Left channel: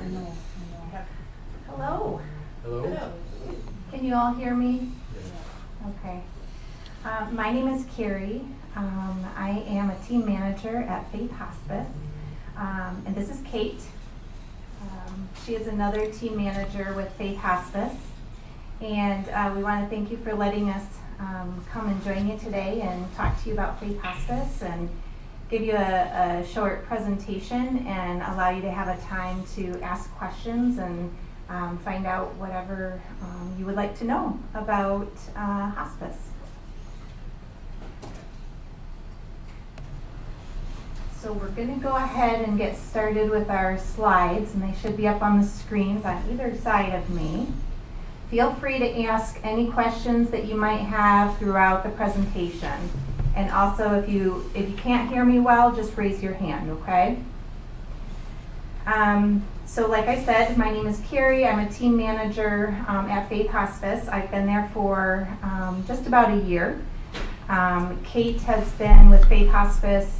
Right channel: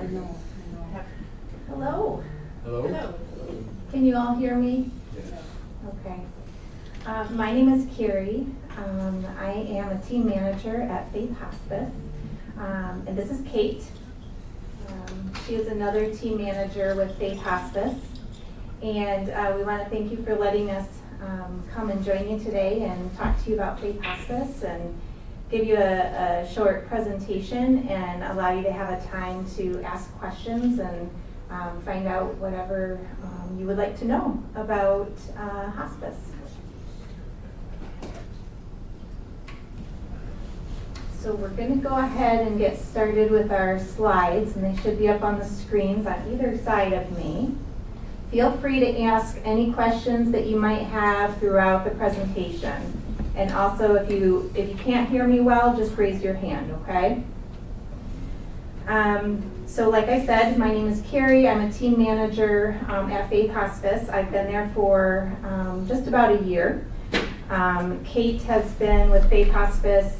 Hello. Hello. Can you all hear me? Okay. My name is Carrie. I am a team manager at Faith Hospice. And this is Kate. She is another team manager with Faith Hospice. And we want to thank you for letting us come and join you today and talk to you about Faith Hospice and give you a short presentation and allow you to have a time to ask questions and find out whatever you would like to know about hospice. So we're going to go ahead and get started with our slides, and they should be up on the screens on either side of me. Feel free to ask any questions that you might have throughout the presentation. And also, if you can't hear me well, just raise your hand, okay? So like I said, my name is Carrie. I'm a team manager at Faith Hospice. I've been there for just about a year. Kate has been with Faith Hospice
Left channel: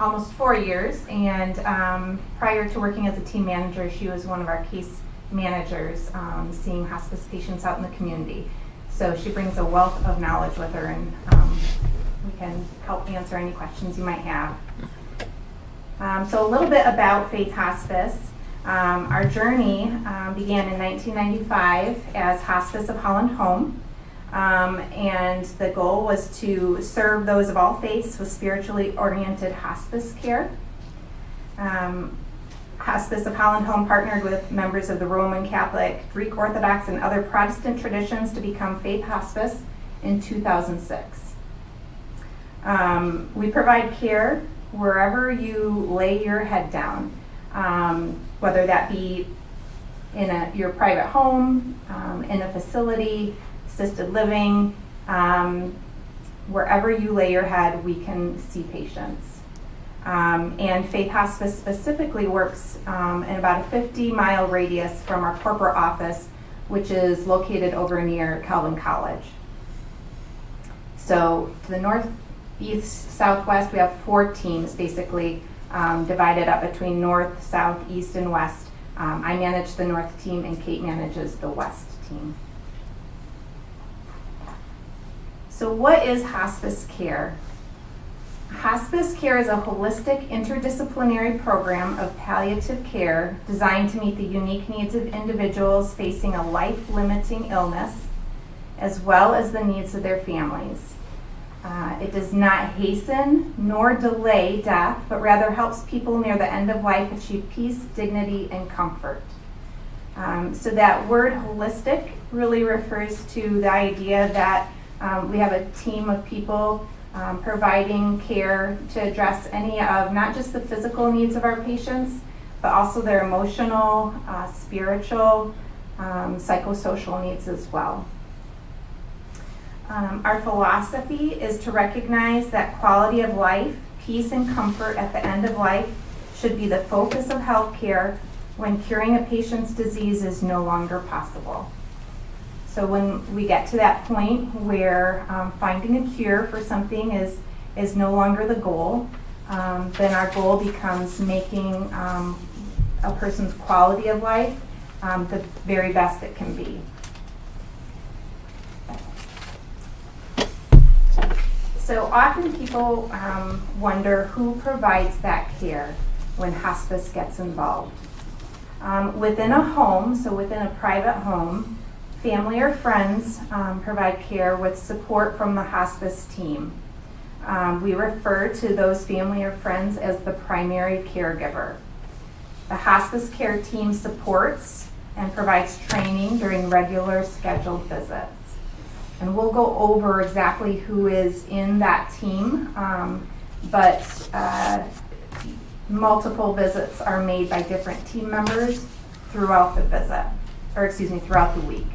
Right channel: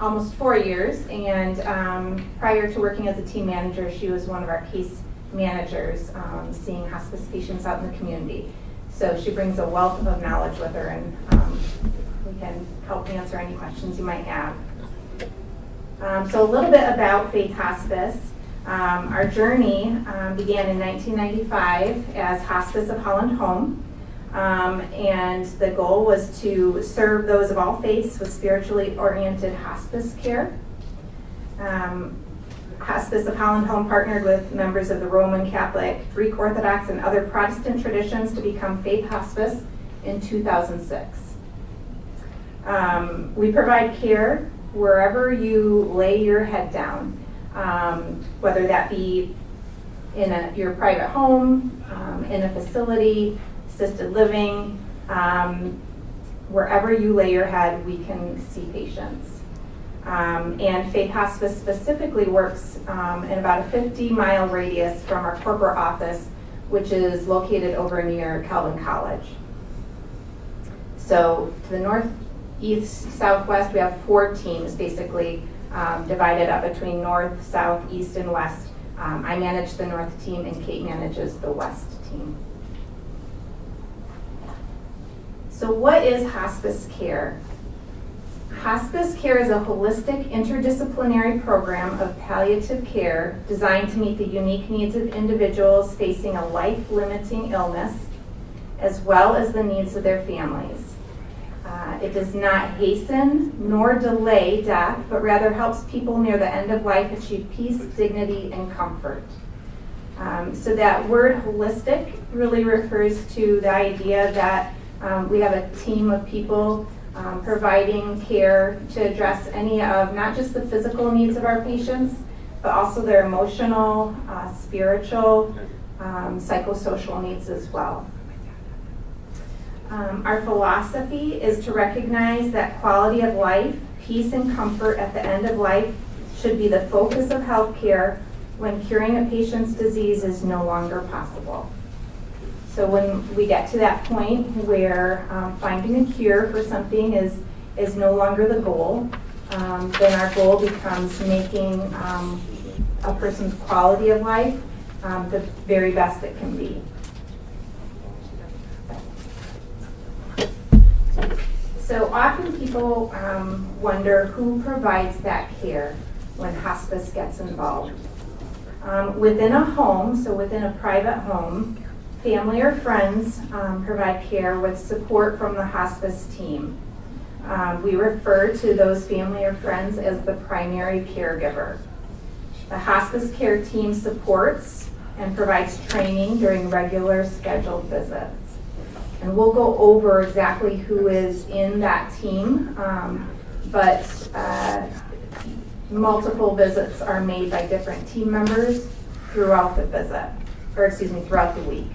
almost 4 years, and prior to working as a team manager, she was one of our case managers seeing hospice patients out in the community. So she brings a wealth of knowledge with her, and we can help answer any questions you might have. So a little bit about Faith Hospice. Our journey began in 1995 as Hospice of Holland Home. And the goal was to serve those of all faiths with spiritually oriented hospice care. Hospice of Holland Home partnered with members of the Roman Catholic, Greek Orthodox, and other Protestant traditions to become Faith Hospice in 2006. We provide care wherever you lay your head down, whether that be in your private home, in a facility, assisted living, wherever you lay your head, we can see patients. And Faith Hospice specifically works in about a 50-mile radius from our corporate office, which is located over near Calvin College. So to the north, east, southwest, we have 4 teams basically divided up between north, south, east, and west. I manage the north team, and Kate manages the west team. So what is hospice care? Hospice care is a holistic interdisciplinary program of palliative care designed to meet the unique needs of individuals facing a life-limiting illness, as well as the needs of their families. It does not hasten nor delay death, but rather helps people near the end of life achieve peace, dignity, and comfort. So that word holistic really refers to the idea that we have a team of people providing care to address any of not just the physical needs of our patients, but also their emotional, spiritual, psychosocial needs as well. Our philosophy is to recognize that quality of life, peace, and comfort at the end of life should be the focus of healthcare when curing a patient's disease is no longer possible. So when we get to that point where finding a cure for something is no longer the goal, then our goal becomes making a person's quality of life the very best it can be. So often people wonder who provides that care when hospice gets involved. Within a home, so within a private home, family or friends provide care with support from the hospice team. We refer to those family or friends as the primary caregiver. The hospice care team supports and provides training during regular scheduled visits. And we'll go over exactly who is in that team, but multiple visits are made by different team members throughout throughout the week.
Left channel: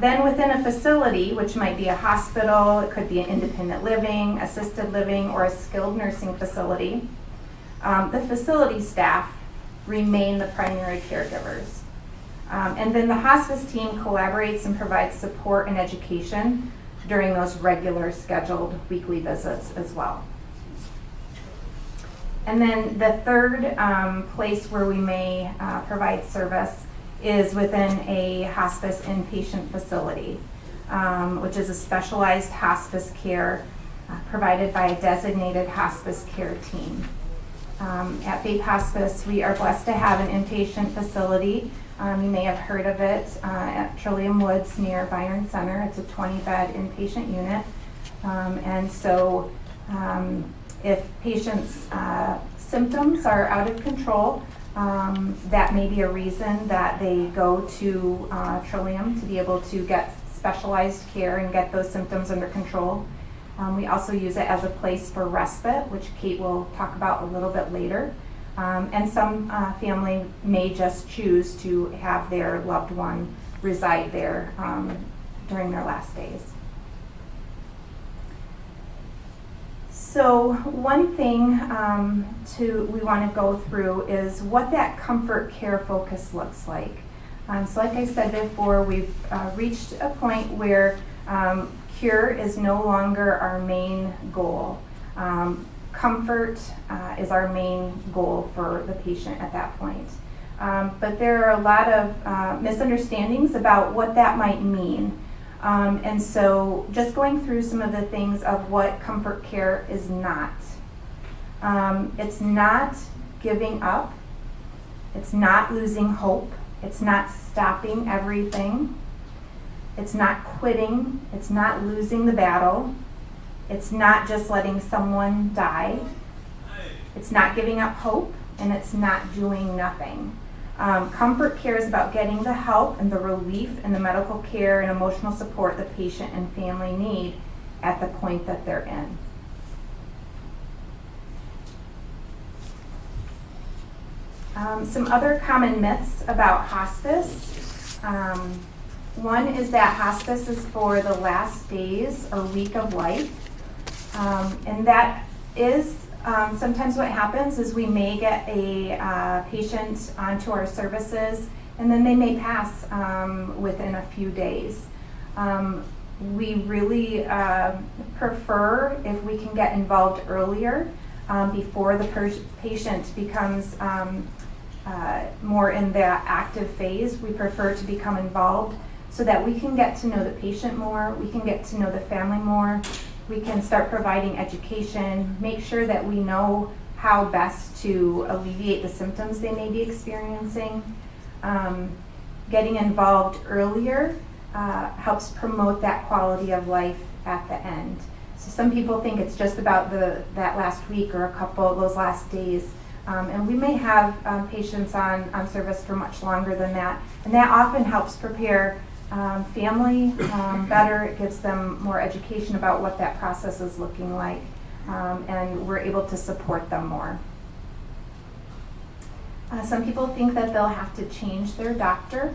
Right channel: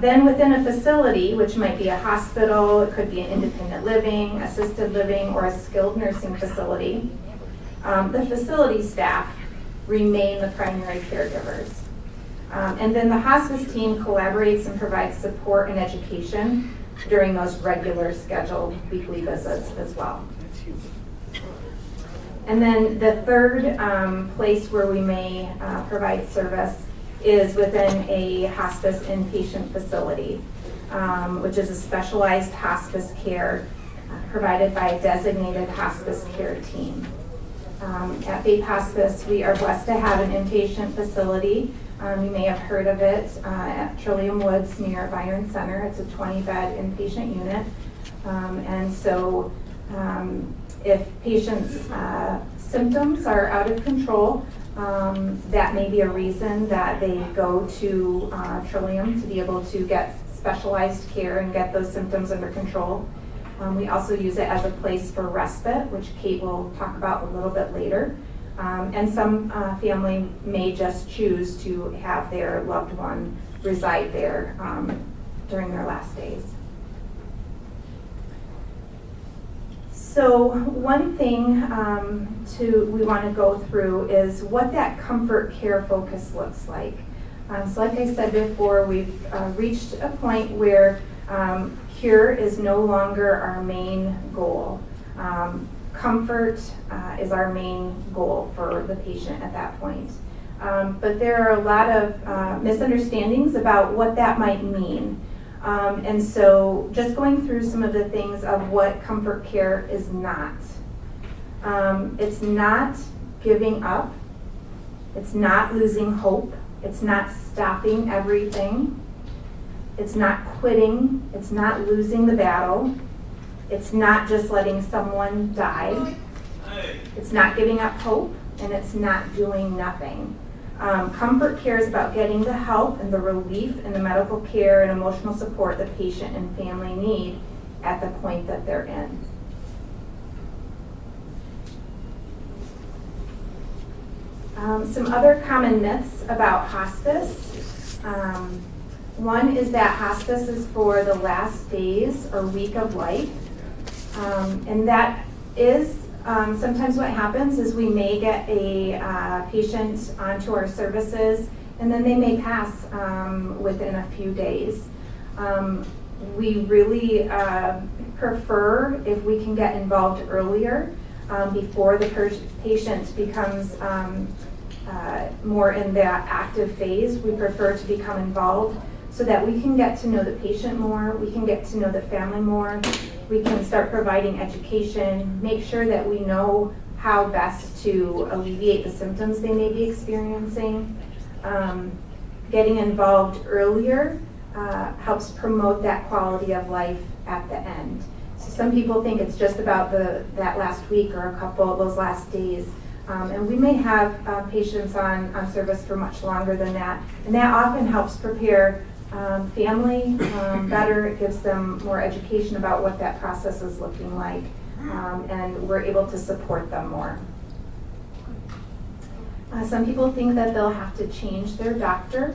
Then within a facility, which might be a hospital, it could be an independent living, assisted living, or a skilled nursing facility, the facility staff remain the primary caregivers. And then the hospice team collaborates and provides support and education during those regular scheduled weekly visits as well. And then the third place where we may provide service is within a hospice inpatient facility, which is a specialized hospice care provided by a designated hospice care team. At Faith Hospice, we are blessed to have an inpatient facility. You may have heard of it at Trillium Woods near Byron Center. It's a 20-bed inpatient unit. And so if patients' symptoms are out of control, that may be a reason that they go to Trillium to be able to get specialized care and get those symptoms under control. We also use it as a place for respite, which Kate will talk about a little bit later. And some family may just choose to have their loved one reside there during their last days. So one thing we want to go through is what that comfort care focus looks like. So like I said before, we've reached a point where cure is no longer our main goal. Comfort is our main goal for the patient at that point. But there are a lot of misunderstandings about what that might mean. And so just going through some of the things of what comfort care is not. It's not giving up. It's not losing hope. It's not stopping everything. It's not quitting. It's not losing the battle. It's not just letting someone die. It's not giving up hope, and it's not doing nothing. Comfort care is about getting the help and the relief and the medical care and emotional support the patient and family need at the point that they're in. Some other common myths about hospice. One is that hospice is for the last days or week of life. And that is sometimes what happens is we may get a patient onto our services and then they may pass within a few days. We really prefer if we can get involved earlier before the patient becomes more in that active phase. We prefer to become involved so that we can get to know the patient more, we can get to know the family more, we can start providing education, make sure that we know how best to alleviate the symptoms they may be experiencing. Getting involved earlier helps promote that quality of life at the end. So some people think it's just about that last week or a couple of those last days. And we may have patients on service for much longer than that. And that often helps prepare family better. It gives them more education about what that process is looking like. And we're able to support them more. Some people think that they'll have to change their doctor,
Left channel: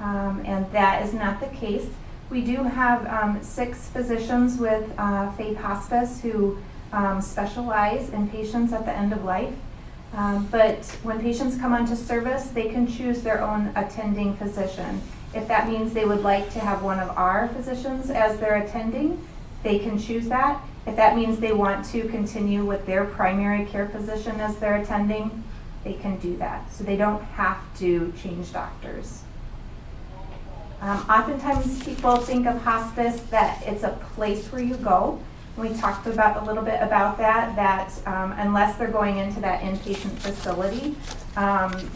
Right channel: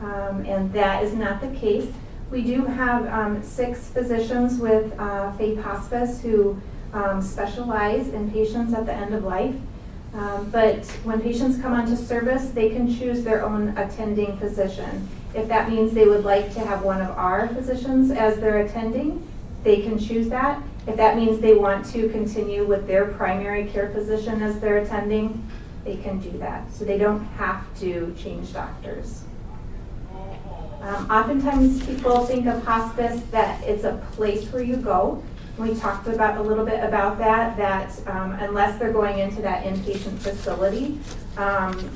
and that is not the case. We do have 6 physicians with Faith Hospice who specialize in patients at the end of life. But when patients come onto service, they can choose their own attending physician. If that means they would like to have one of our physicians as their attending, they can choose that. If that means they want to continue with their primary care physician as their attending, they can do that. So they don't have to change doctors. Oftentimes people think of hospice that it's a place where you go. We talked about a little bit about that unless they're going into that inpatient facility,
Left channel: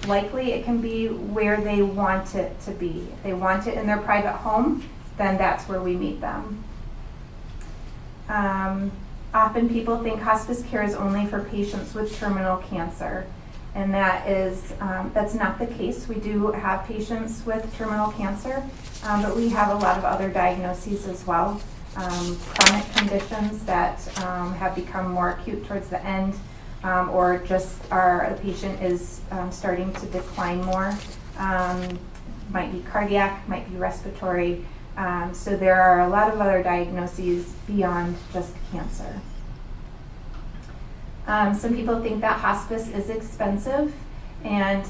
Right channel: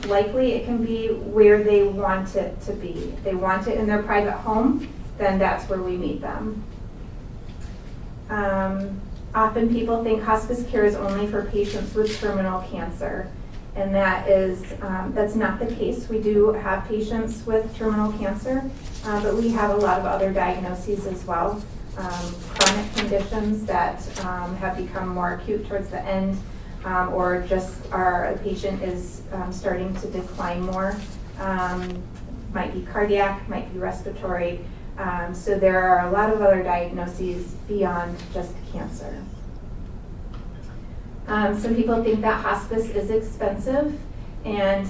likely it can be where they want it to be. If they want it in their private home, then that's where we meet them. Often people think hospice care is only for patients with terminal cancer, and that's not the case. We do have patients with terminal cancer, but we have a lot of other diagnoses as well. Chronic conditions that have become more acute towards the end, or just the patient is starting to decline more. Might be cardiac, might be respiratory. So there are a lot of other diagnoses beyond just cancer. Some people think that hospice is expensive, and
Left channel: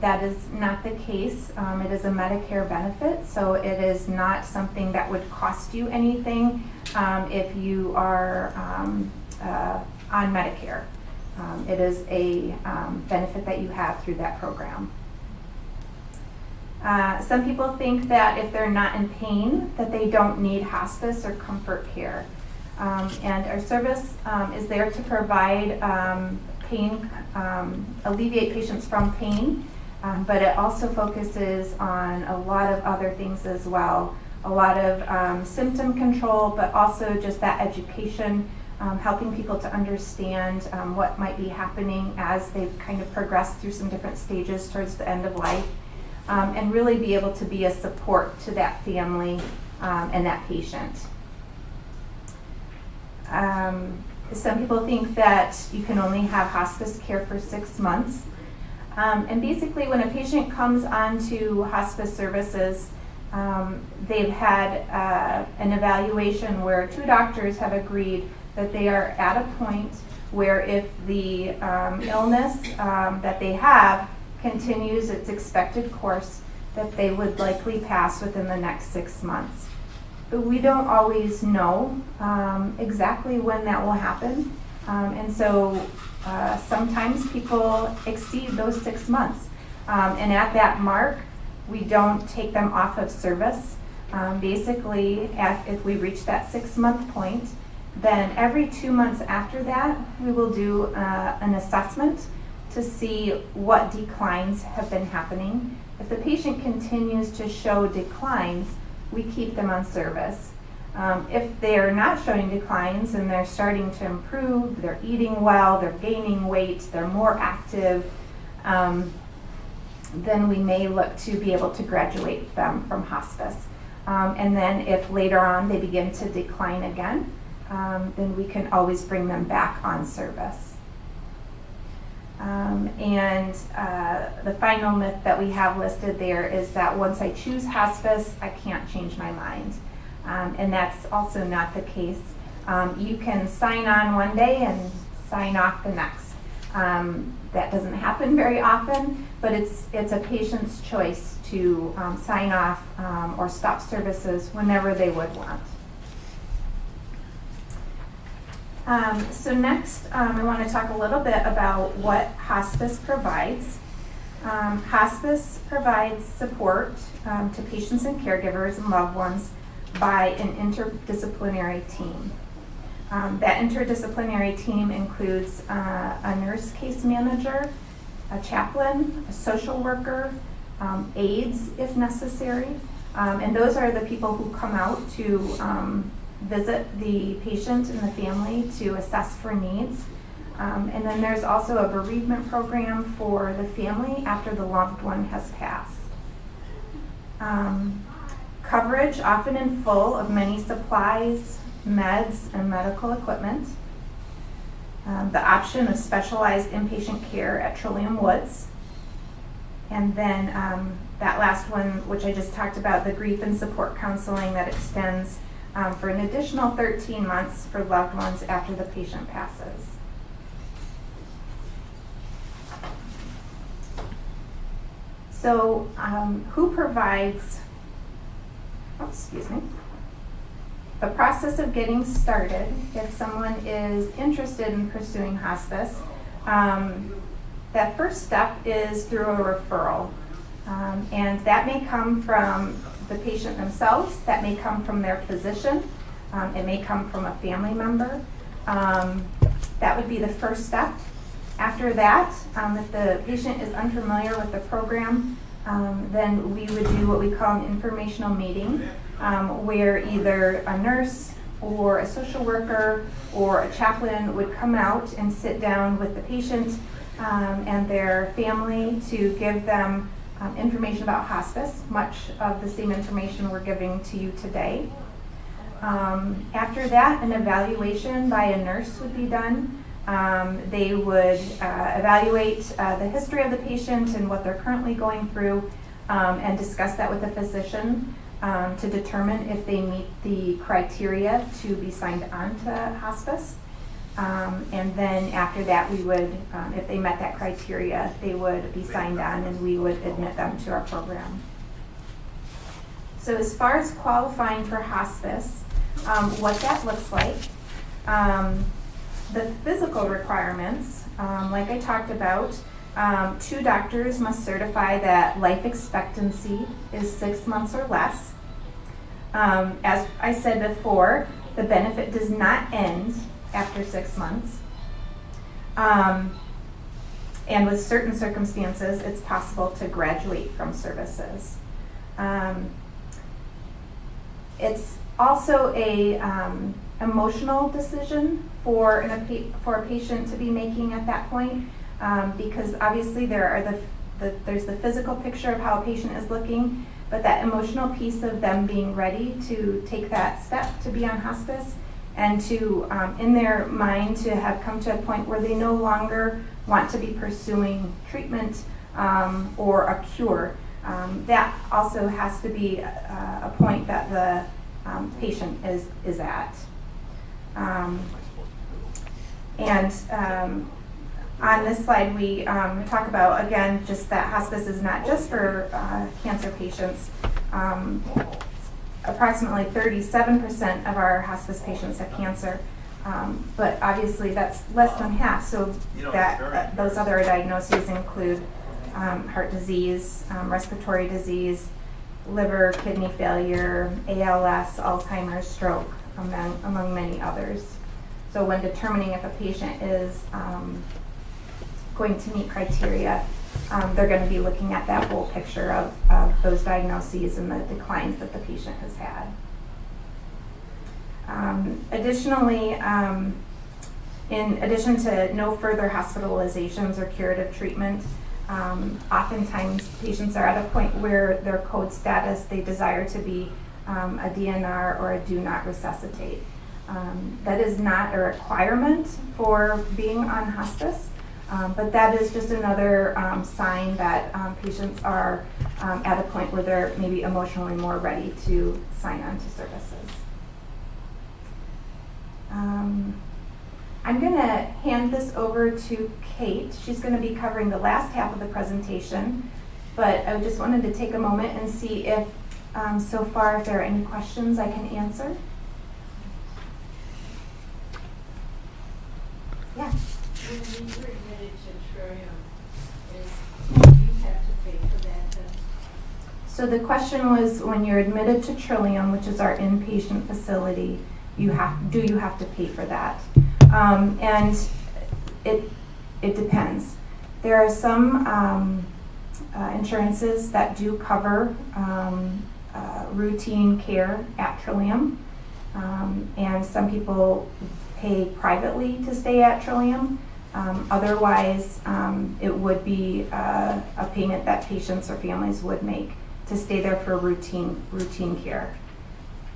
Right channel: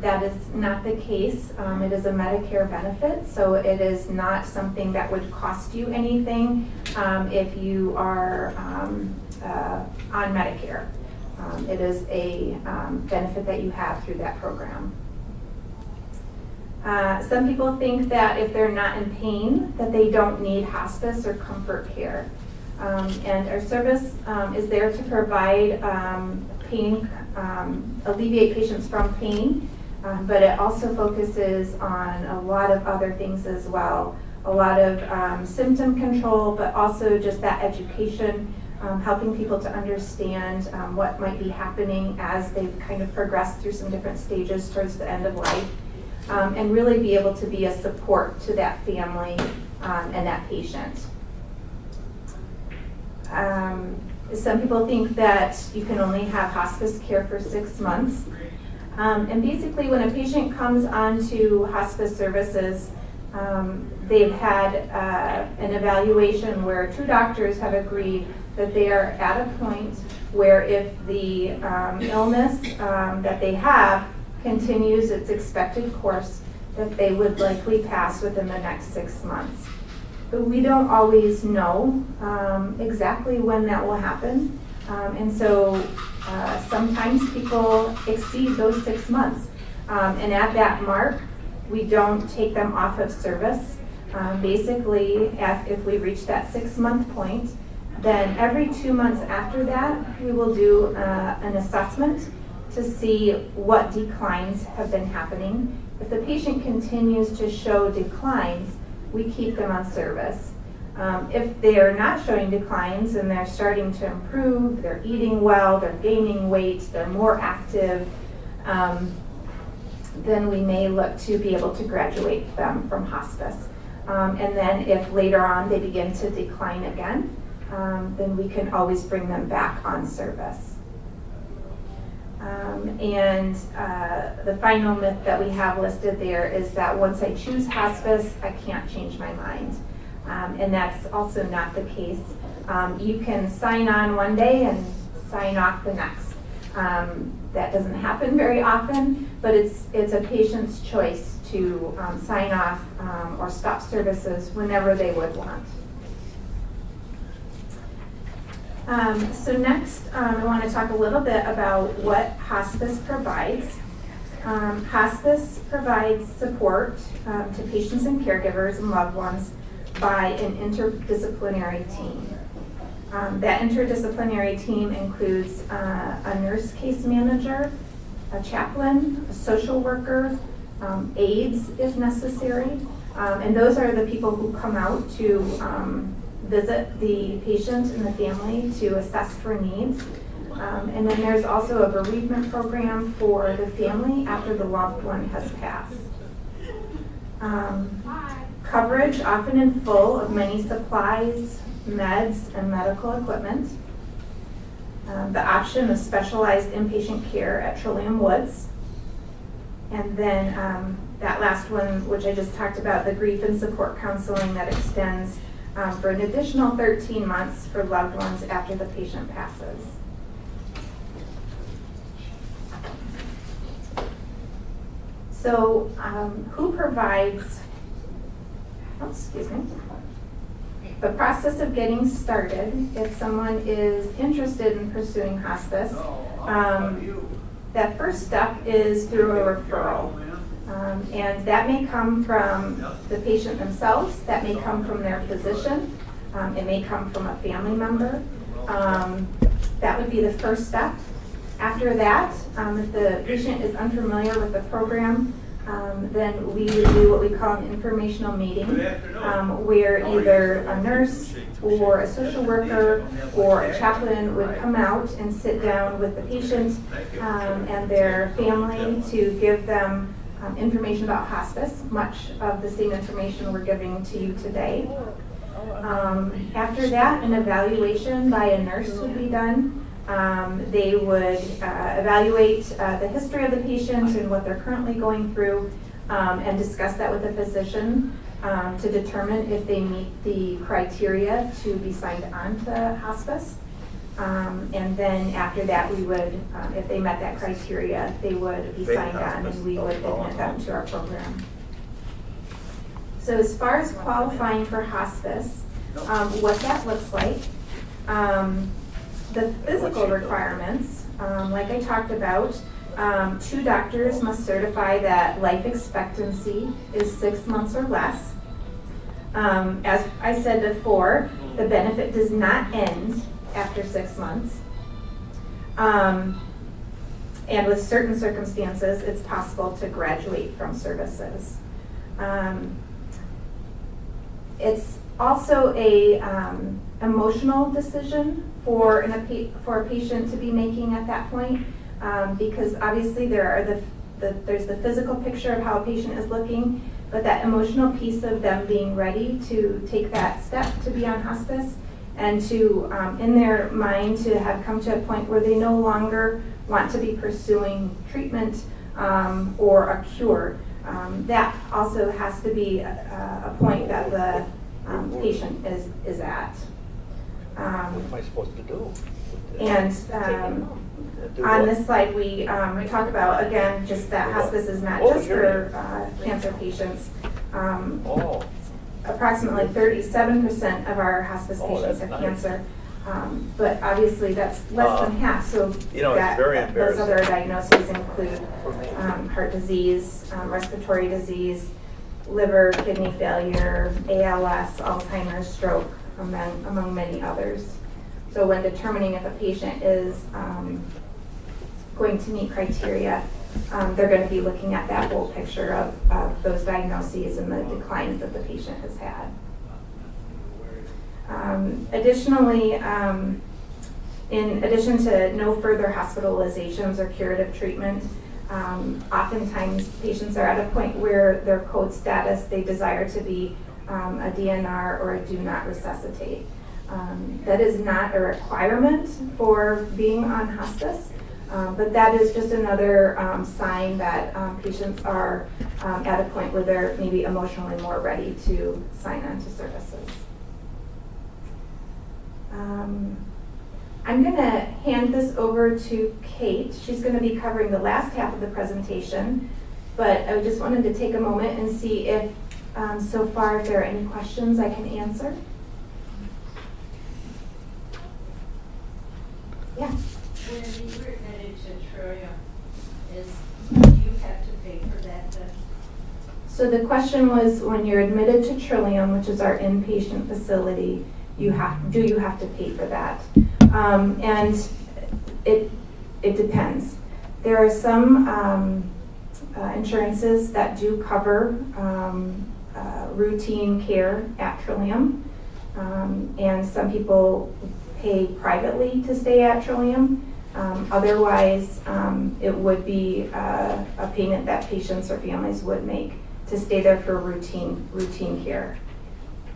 that is not the case. It is a Medicare benefit, so it is not something that would cost you anything if you are on Medicare. it is a benefit that you have through that program. Some people think that if they're not in pain, that they don't need hospice or comfort care. And our service is there to provide pain, alleviate patients from pain, but it also focuses on a lot of other things as well. A lot of symptom control, but also just that education, helping people to understand what might be happening as they kind of progress through some different stages towards the end of life. And really be able to be a support to that family and that patient. Some people think that you can only have hospice care for 6 months. And basically when a patient comes onto hospice services, they've had an evaluation where 2 doctors have agreed that they are at a point where if the illness that they have continues its expected course, that they would likely pass within the next 6 months. But we don't always know exactly when that will happen. And so sometimes people exceed those 6 months. And at that mark, we don't take them off of service. Basically, if we reach that 6-month point, then every 2 months after that, we will do an assessment to see what declines have been happening. If the patient continues to show declines, we keep them on service. If they are not showing declines and they're starting to improve, they're eating well, they're gaining weight, they're more active, then we may look to be able to graduate them from hospice. And then if later on they begin to decline again, then we can always bring them back on service. And the final myth that we have listed there is that once I choose hospice, I can't change my mind. And that's also not the case. You can sign on one day and sign off the next. That doesn't happen very often, but it's a patient's choice to sign off or stop services whenever they would want. So next, I want to talk a little bit about what hospice provides. Hospice provides support to patients and caregivers and loved ones by an interdisciplinary team. That interdisciplinary team includes a nurse case manager, a chaplain, a social worker, aides if necessary, and those are the people who come out to visit the patient and the family to assess for needs. And then there's also a bereavement program for the family after the loved one has passed. Coverage, often in full, of many supplies, meds, and medical equipment. The option of specialized inpatient care at Trillium Woods. And then that last one, which I just talked about, the grief and support counseling that extends for an additional 13 months for loved ones after the patient passes. So who provides, the process of getting started, if someone is interested in pursuing hospice, that first step is through a referral. And that may come from the patient themselves, that may come from their physician, it may come from a family member. That would be the first step. After that, if the patient is unfamiliar with the program, then we would do what we call an informational meeting, where either a nurse or a social worker or a chaplain would come out and sit down with the patient and their family to give them information about hospice, much of the same information we're giving to you today. After that, an evaluation by a nurse would be done. They would evaluate the history of the patient and what they're currently going through and discuss that with the physician to determine if they meet the criteria to be signed on to hospice. And then after that, we would, if they met that criteria, they would be signed on and we would admit them to our program. So as far as qualifying for hospice, what that looks like, The physical requirements, like I talked about, 2 doctors must certify that life expectancy is 6 months or less. As I said before, the benefit does not end after 6 months. And with certain circumstances, it's possible to graduate from services. It's also a emotional decision for a patient to be making at that point, because obviously there's the physical picture of how a patient is looking, but that emotional piece of them being ready to take that step to be on hospice and to, in their mind, to have come to a point where they no longer want to be pursuing treatment or a cure. That also has to be a point that the patient is at. What am I supposed to do? And on this slide, we talk about, again, just that hospice is not just for cancer patients. Approximately 37% of our hospice patients have cancer, but obviously that's less than half. So those other diagnoses include heart disease, respiratory disease, liver, kidney failure, ALS, Alzheimer's, stroke, among many others. So when determining if a patient is going to meet criteria, they're going to be looking at that whole picture of those diagnoses and the declines that the patient has had. Additionally, in addition to no further hospitalizations or curative treatment, oftentimes patients are at a point where their code status, they desire to be a DNR or a do not resuscitate. That is not a requirement for being on hospice, but that is just another sign that patients are at a point where they're maybe emotionally more ready to sign on to services. I'm going to hand this over to Kate. She's going to be covering the last half of the presentation, but I just wanted to take a moment and see if so far if there are any questions I can answer. Yeah. When you were admitted to Trillium, you have to pay for that? So the question was, when you're admitted to Trillium, which is our inpatient facility, do you have to pay for that? And it depends. There are some insurances that do cover routine care at Trillium, and some people pay privately to stay at Trillium. Otherwise, it would be a payment that patients or families would make to stay there for routine care.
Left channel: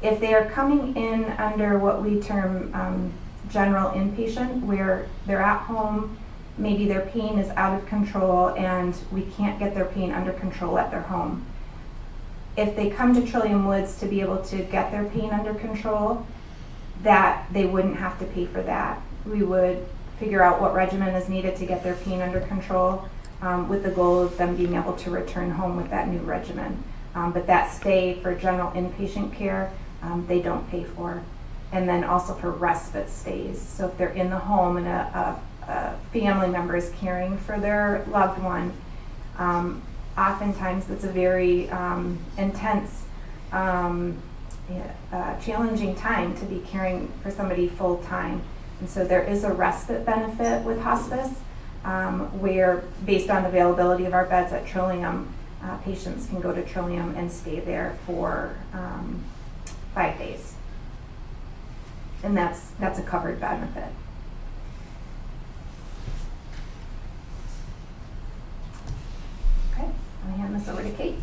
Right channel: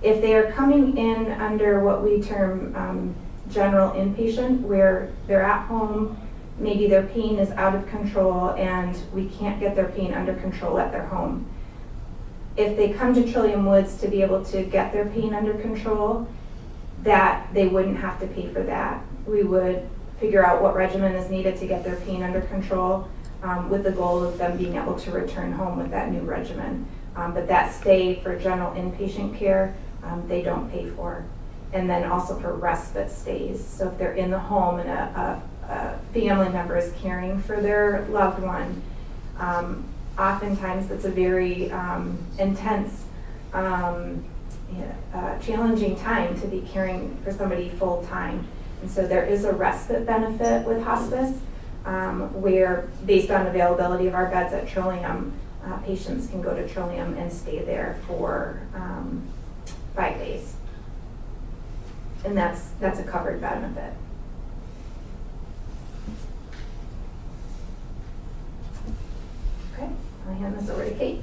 If they are coming in under what we term general inpatient, where they're at home, maybe their pain is out of control and we can't get their pain under control at their home. If they come to Trillium Woods to be able to get their pain under control, that they wouldn't have to pay for that. We would figure out what regimen is needed to get their pain under control, with the goal of them being able to return home with that new regimen. But that stay for general inpatient care, they don't pay for. And then also for respite stays. So if they're in the home and a family member is caring for their loved one, oftentimes that's a very intense, challenging time to be caring for somebody full time. And so there is a respite benefit with hospice, where based on availability of our beds at Trillium, patients can go to Trillium and stay there for 5 days. And that's a covered benefit. Okay, I'll hand this over to Kate.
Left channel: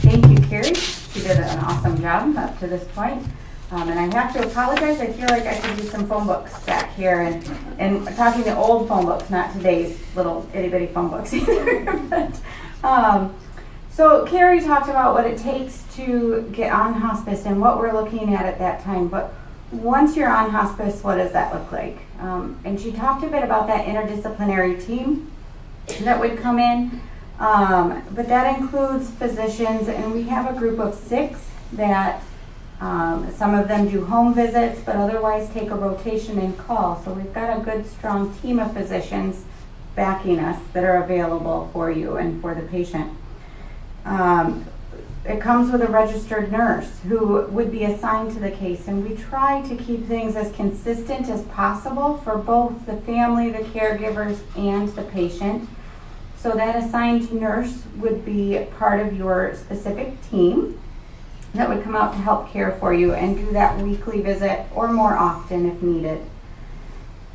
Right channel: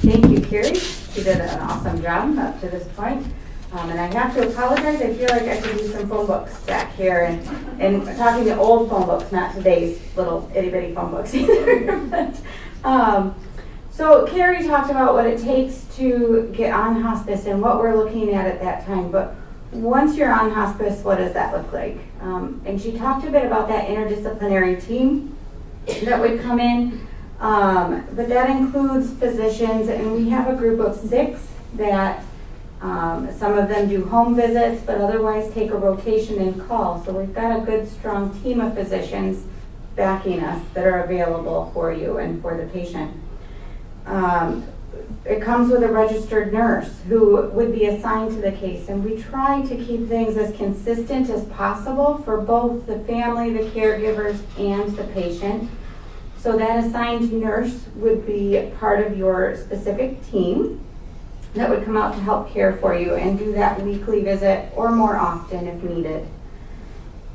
Thank you, Carrie. She did an awesome job up to this point. And I have to apologize. I feel like I could use some phone books back here, and talking the old phone books, not today's little itty bitty phone books either. So Carrie talked about what it takes to get on hospice and what we're looking at that time. But once you're on hospice, what does that look like? And she talked a bit about that interdisciplinary team that would come in. But that includes physicians, and we have a group of 6 that some of them do home visits, but otherwise take a rotation and call. So we've got a good, strong team of physicians backing us that are available for you and for the patient. It comes with a registered nurse who would be assigned to the case, and we try to keep things as consistent as possible for both the family, the caregivers, and the patient. So that assigned nurse would be part of your specific team that would come out to help care for you and do that weekly visit or more often if needed.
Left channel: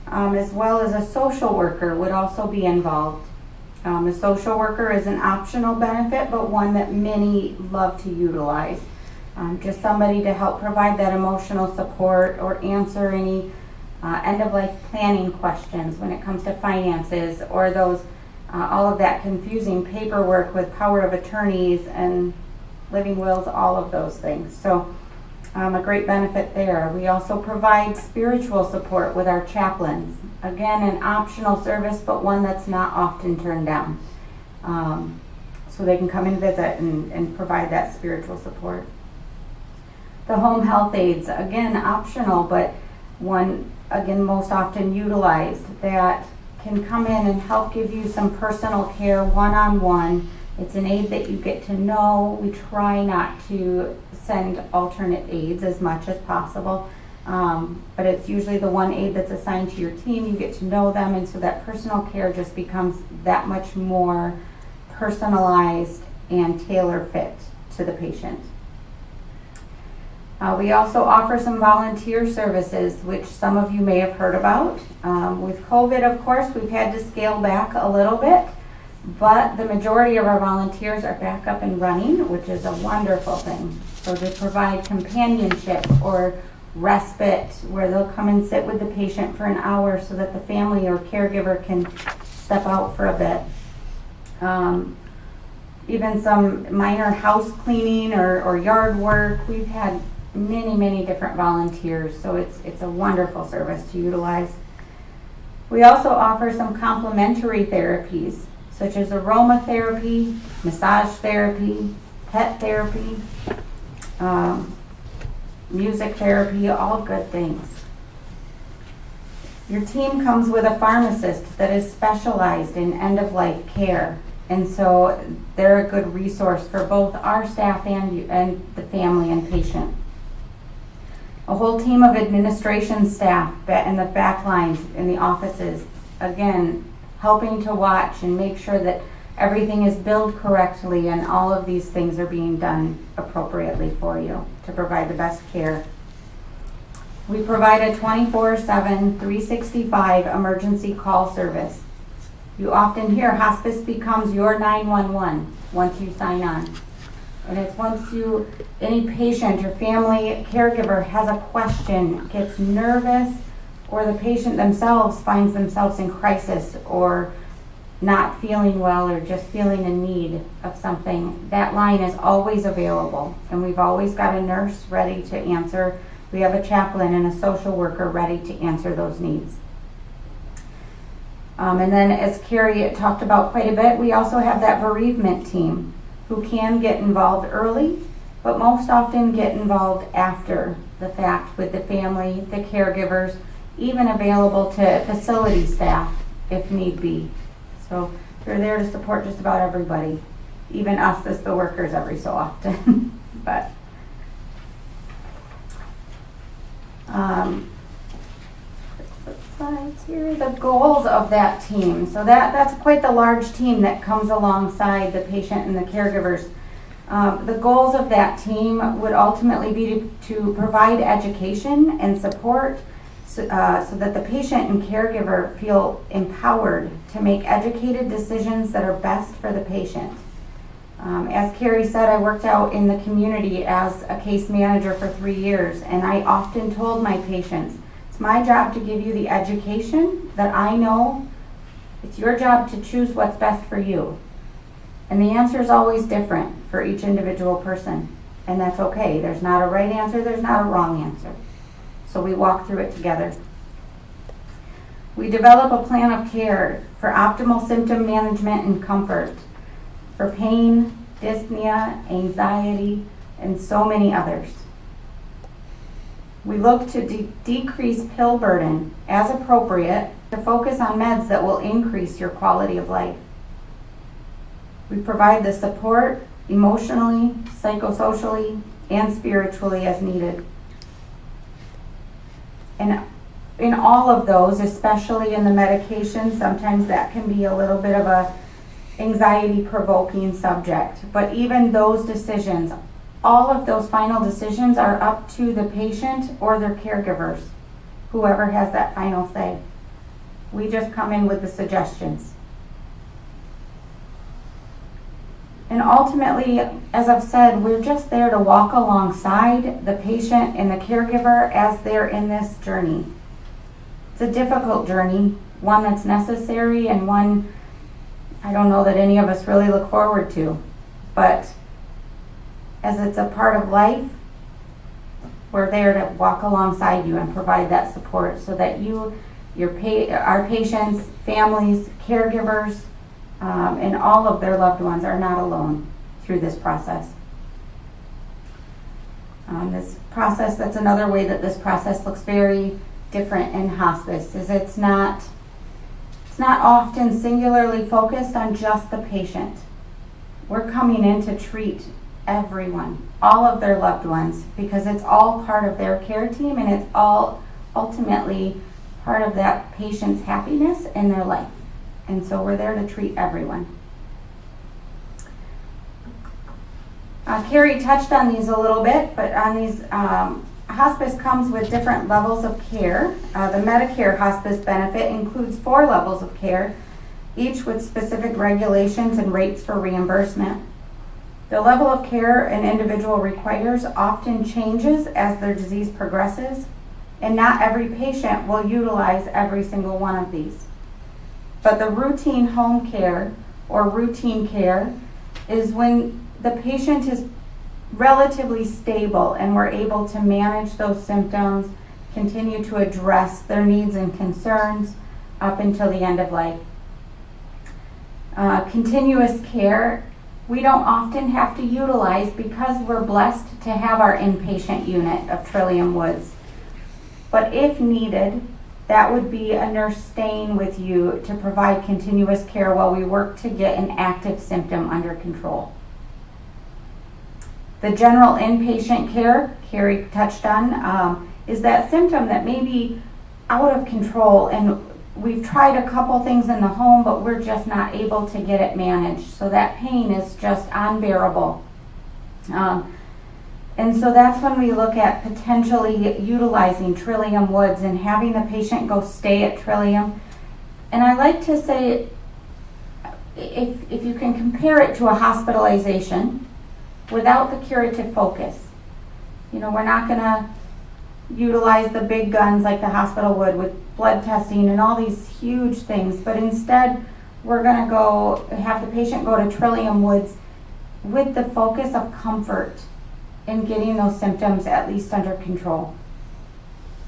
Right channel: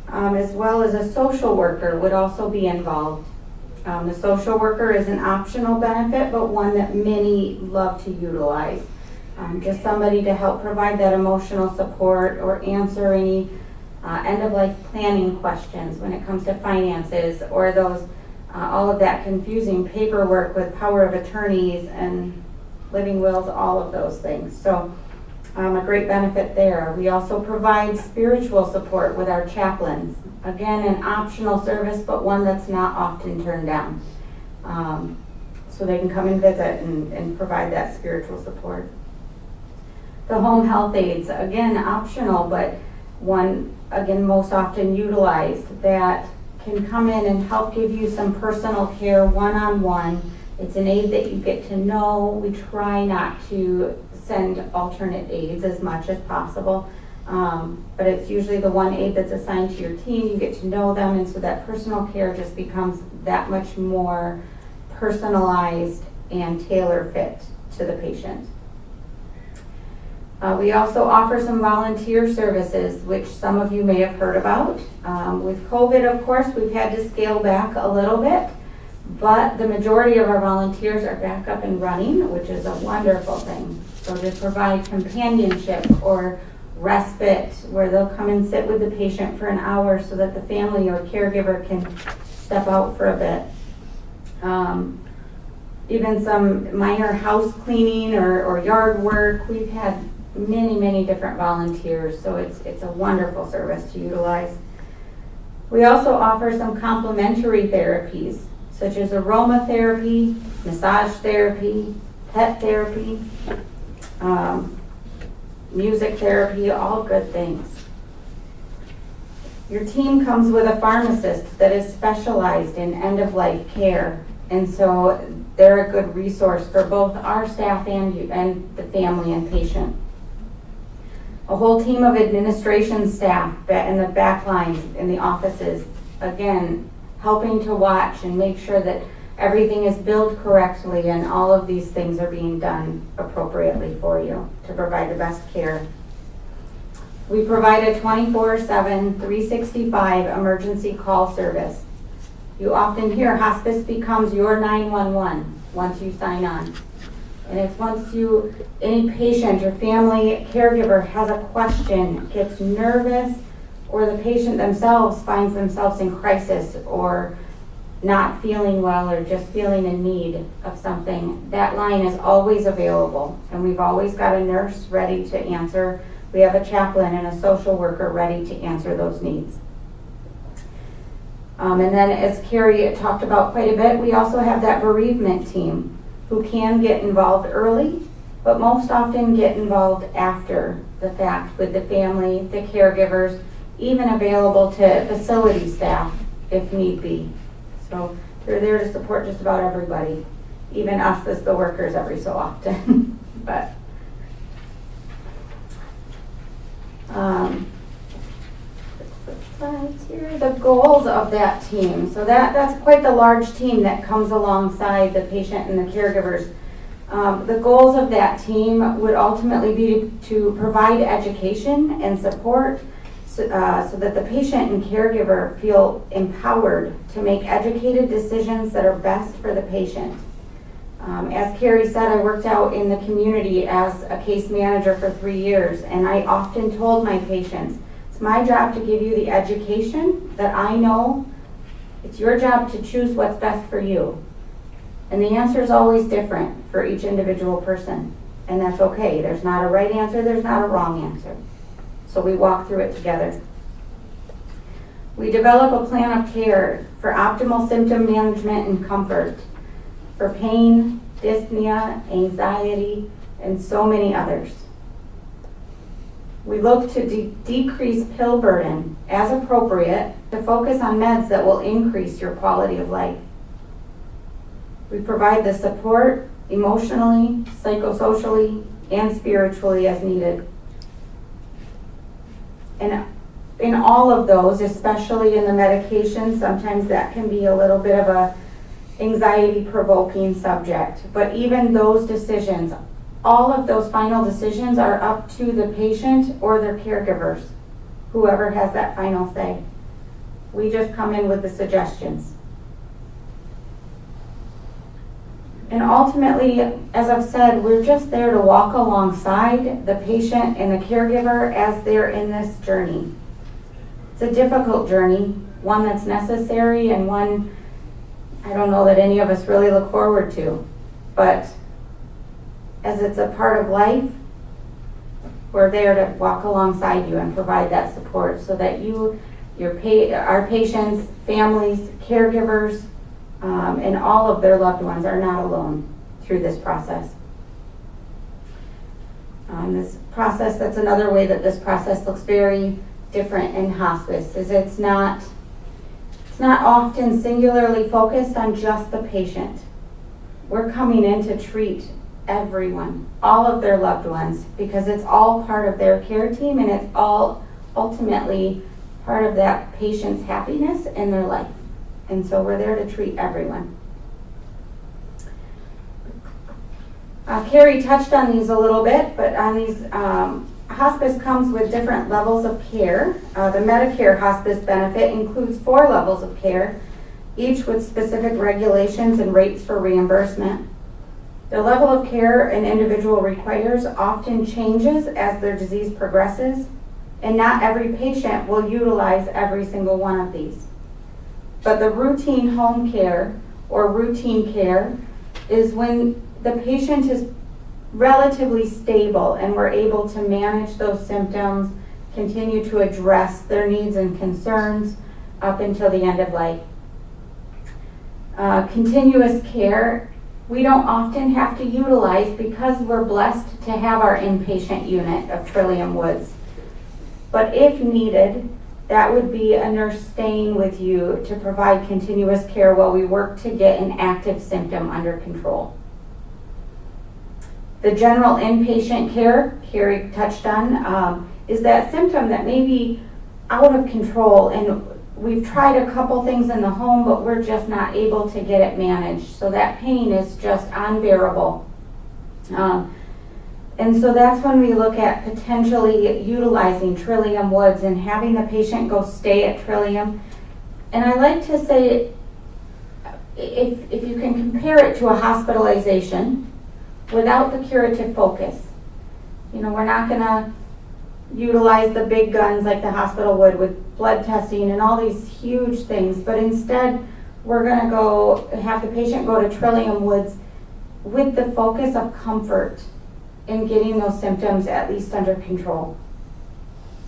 As well as a social worker would also be involved. The social worker is an optional benefit, but one that many love to utilize. Just somebody to help provide that emotional support or answer any end-of-life planning questions when it comes to finances or those all of that confusing paperwork with power of attorneys and living wills, all of those things. So a great benefit there. We also provide spiritual support with our chaplains. Again, an optional service, but one that's not often turned down. So they can come and visit and provide that spiritual support. The home health aides, again, optional, but one, again, most often utilized, that can come in and help give you some personal care one-on-one. It's an aide that you get to know. We try not to send alternate aides as much as possible. But it's usually the one aide that's assigned to your team. You get to know them, and so that personal care just becomes that much more personalized and tailor-fit to the patient. We also offer some volunteer services, which some of you may have heard about. With COVID, of course, we've had to scale back a little bit, but the majority of our volunteers are back up and running, which is a wonderful thing. So to provide companionship or respite, where they'll come and sit with the patient for an hour so that the family or caregiver can step out for a bit. Even some minor house cleaning or yard work. We've had many different volunteers, so it's a wonderful service to utilize. We also offer some complementary therapies, such as aromatherapy, massage therapy, pet therapy, music therapy, all good things. Your team comes with a pharmacist that is specialized in end-of-life care, and so they're a good resource for both our staff and you, and the family and patient. A whole team of administration staff in the back lines in the offices, again, helping to watch and make sure that everything is billed correctly and all of these things are being done appropriately for you to provide the best care. We provide a 24/7, 365 emergency call service. You often hear hospice becomes your 911 once you sign on. And it's once any patient or family caregiver has a question, gets nervous, or the patient themselves finds themselves in crisis or not feeling well or just feeling in need of something, that line is always available. And we've always got a nurse ready to answer. We have a chaplain and a social worker ready to answer those needs. And then, as Carrie talked about quite a bit, we also have that bereavement team who can get involved early, but most often get involved after the fact with the family, the caregivers, even available to facility staff if need be. So they're there to support just about everybody, even us as the workers every so often. But here are the goals of that team. So that's quite the large team that comes alongside the patient and the caregivers. The goals of that team would ultimately be to provide education and support so that the patient and caregiver feel empowered to make educated decisions that are best for the patient. As Carrie said, I worked out in the community as a case manager for 3 years, and I often told my patients, it's my job to give you the education that I know. It's your job to choose what's best for you. And the answer is always different for each individual person, and that's okay. There's not a right answer, there's not a wrong answer. So we walk through it together. We develop a plan of care for optimal symptom management and comfort, for pain, dyspnea, anxiety, and so many others. We look to decrease pill burden as appropriate to focus on meds that will increase your quality of life. We provide the support emotionally, psychosocially, and spiritually as needed. And in all of those, especially in the medication, sometimes that can be a little bit of a anxiety-provoking subject. But even those decisions, all of those final decisions are up to the patient or their caregivers, whoever has that final say. We just come in with the suggestions. And ultimately, as I've said, we're just there to walk alongside the patient and the caregiver as they're in this journey. It's a difficult journey, one that's necessary and one I don't know that any of us really look forward to. But as it's a part of life, we're there to walk alongside you and provide that support so that our patients, families, caregivers, and all of their loved ones are not alone through this process. That's another way that this process looks very different in hospice, is it's not often singularly focused on just the patient. We're coming in to treat everyone, all of their loved ones, because it's all part of their care team and it's all ultimately part of that patient's happiness in their life. And so we're there to treat everyone. Carrie touched on these a little bit, but on these, hospice comes with different levels of care. The Medicare hospice benefit includes 4 levels of care, each with specific regulations and rates for reimbursement. The level of care an individual requires often changes as their disease progresses, and not every patient will utilize every single one of these. But the routine home care or routine care is when the patient is relatively stable and we're able to manage those symptoms, continue to address their needs and concerns up until the end of life. Continuous care, we don't often have to utilize because we're blessed to have our inpatient unit of Trillium Woods. But if needed, that would be a nurse staying with you to provide continuous care while we work to get an active symptom under control. The general inpatient care, Carrie touched on, is that symptom that may be out of control and we've tried a couple things in the home, but we're just not able to get it managed. So that pain is just unbearable. And so that's when we look at potentially utilizing Trillium Woods and having the patient go stay at Trillium. And I like to say, if you can compare it to a hospitalization without the curative focus. We're not going to utilize the big guns like the hospital would with blood testing and all these huge things, but instead we're going to go have the patient go to Trillium Woods with the focus of comfort in getting those symptoms at least under control.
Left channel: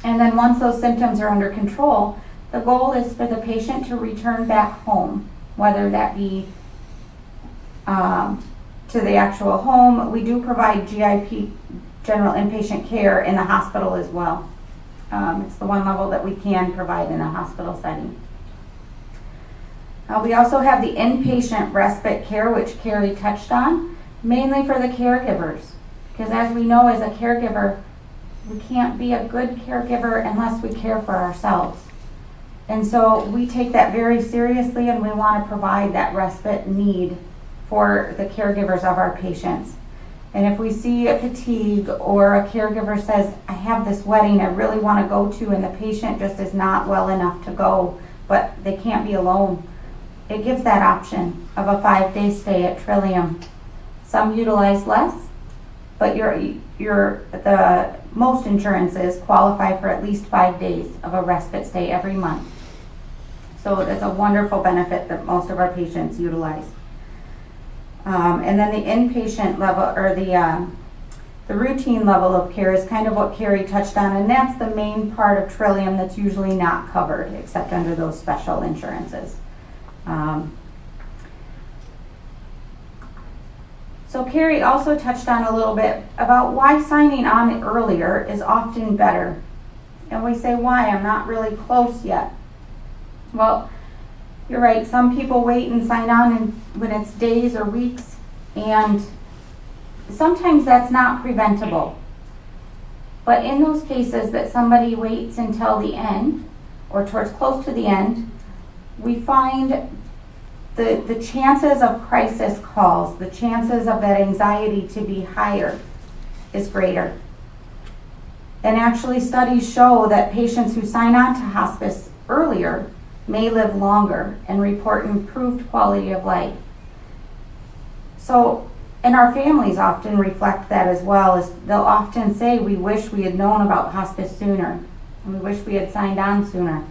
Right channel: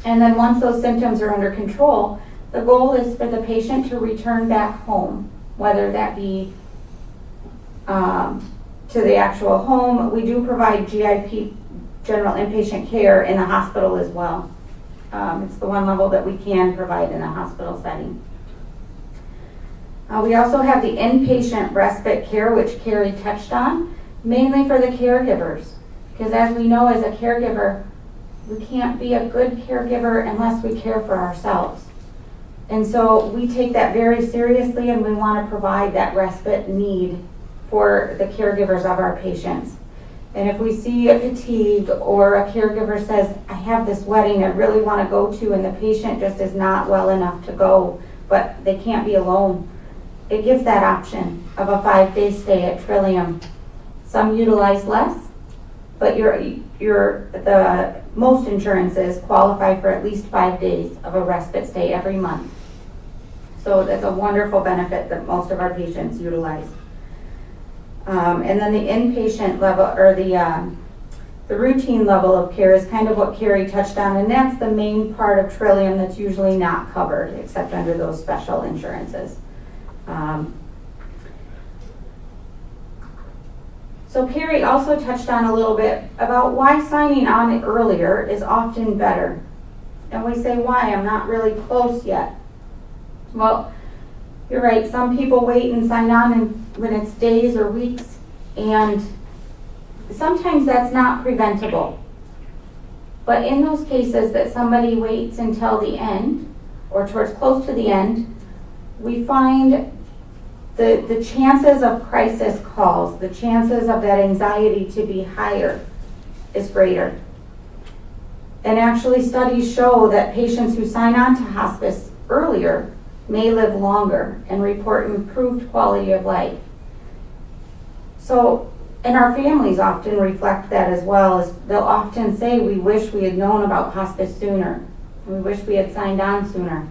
And then once those symptoms are under control, the goal is for the patient to return back home, whether that be to the actual home. We do provide GIP, general inpatient care, in the hospital as well. It's the one level that we can provide in a hospital setting. We also have the inpatient respite care, which Carrie touched on, mainly for the caregivers. Because as we know, as a caregiver, we can't be a good caregiver unless we care for ourselves. And so we take that very seriously, and we want to provide that respite need for the caregivers of our patients. And if we see a fatigue or a caregiver says, I have this wedding I really want to go to, and the patient just is not well enough to go, but they can't be alone, it gives that option of a 5-day stay at Trillium. Some utilize less, but the most insurances qualify for at least 5 days of a respite stay every month. So that's a wonderful benefit that most of our patients utilize. And then the inpatient level, or the routine level of care, is kind of what Carrie touched on, and that's the main part of Trillium that's usually not covered except under those special So Carrie also touched on a little bit about why signing on earlier is often better. And we say, why? I'm not really close yet. Well, you're right. Some people wait and sign on when it's days or weeks, and sometimes that's not preventable. But in those cases that somebody waits until the end, or towards close to the end, we find the chances of crisis calls, the chances of that anxiety to be higher is greater. And actually studies show that patients who sign on to hospice earlier may live longer and report improved quality of life. So, and our families often reflect that as well, as they'll often say, we wish we had known about hospice sooner. We wish we had signed on sooner.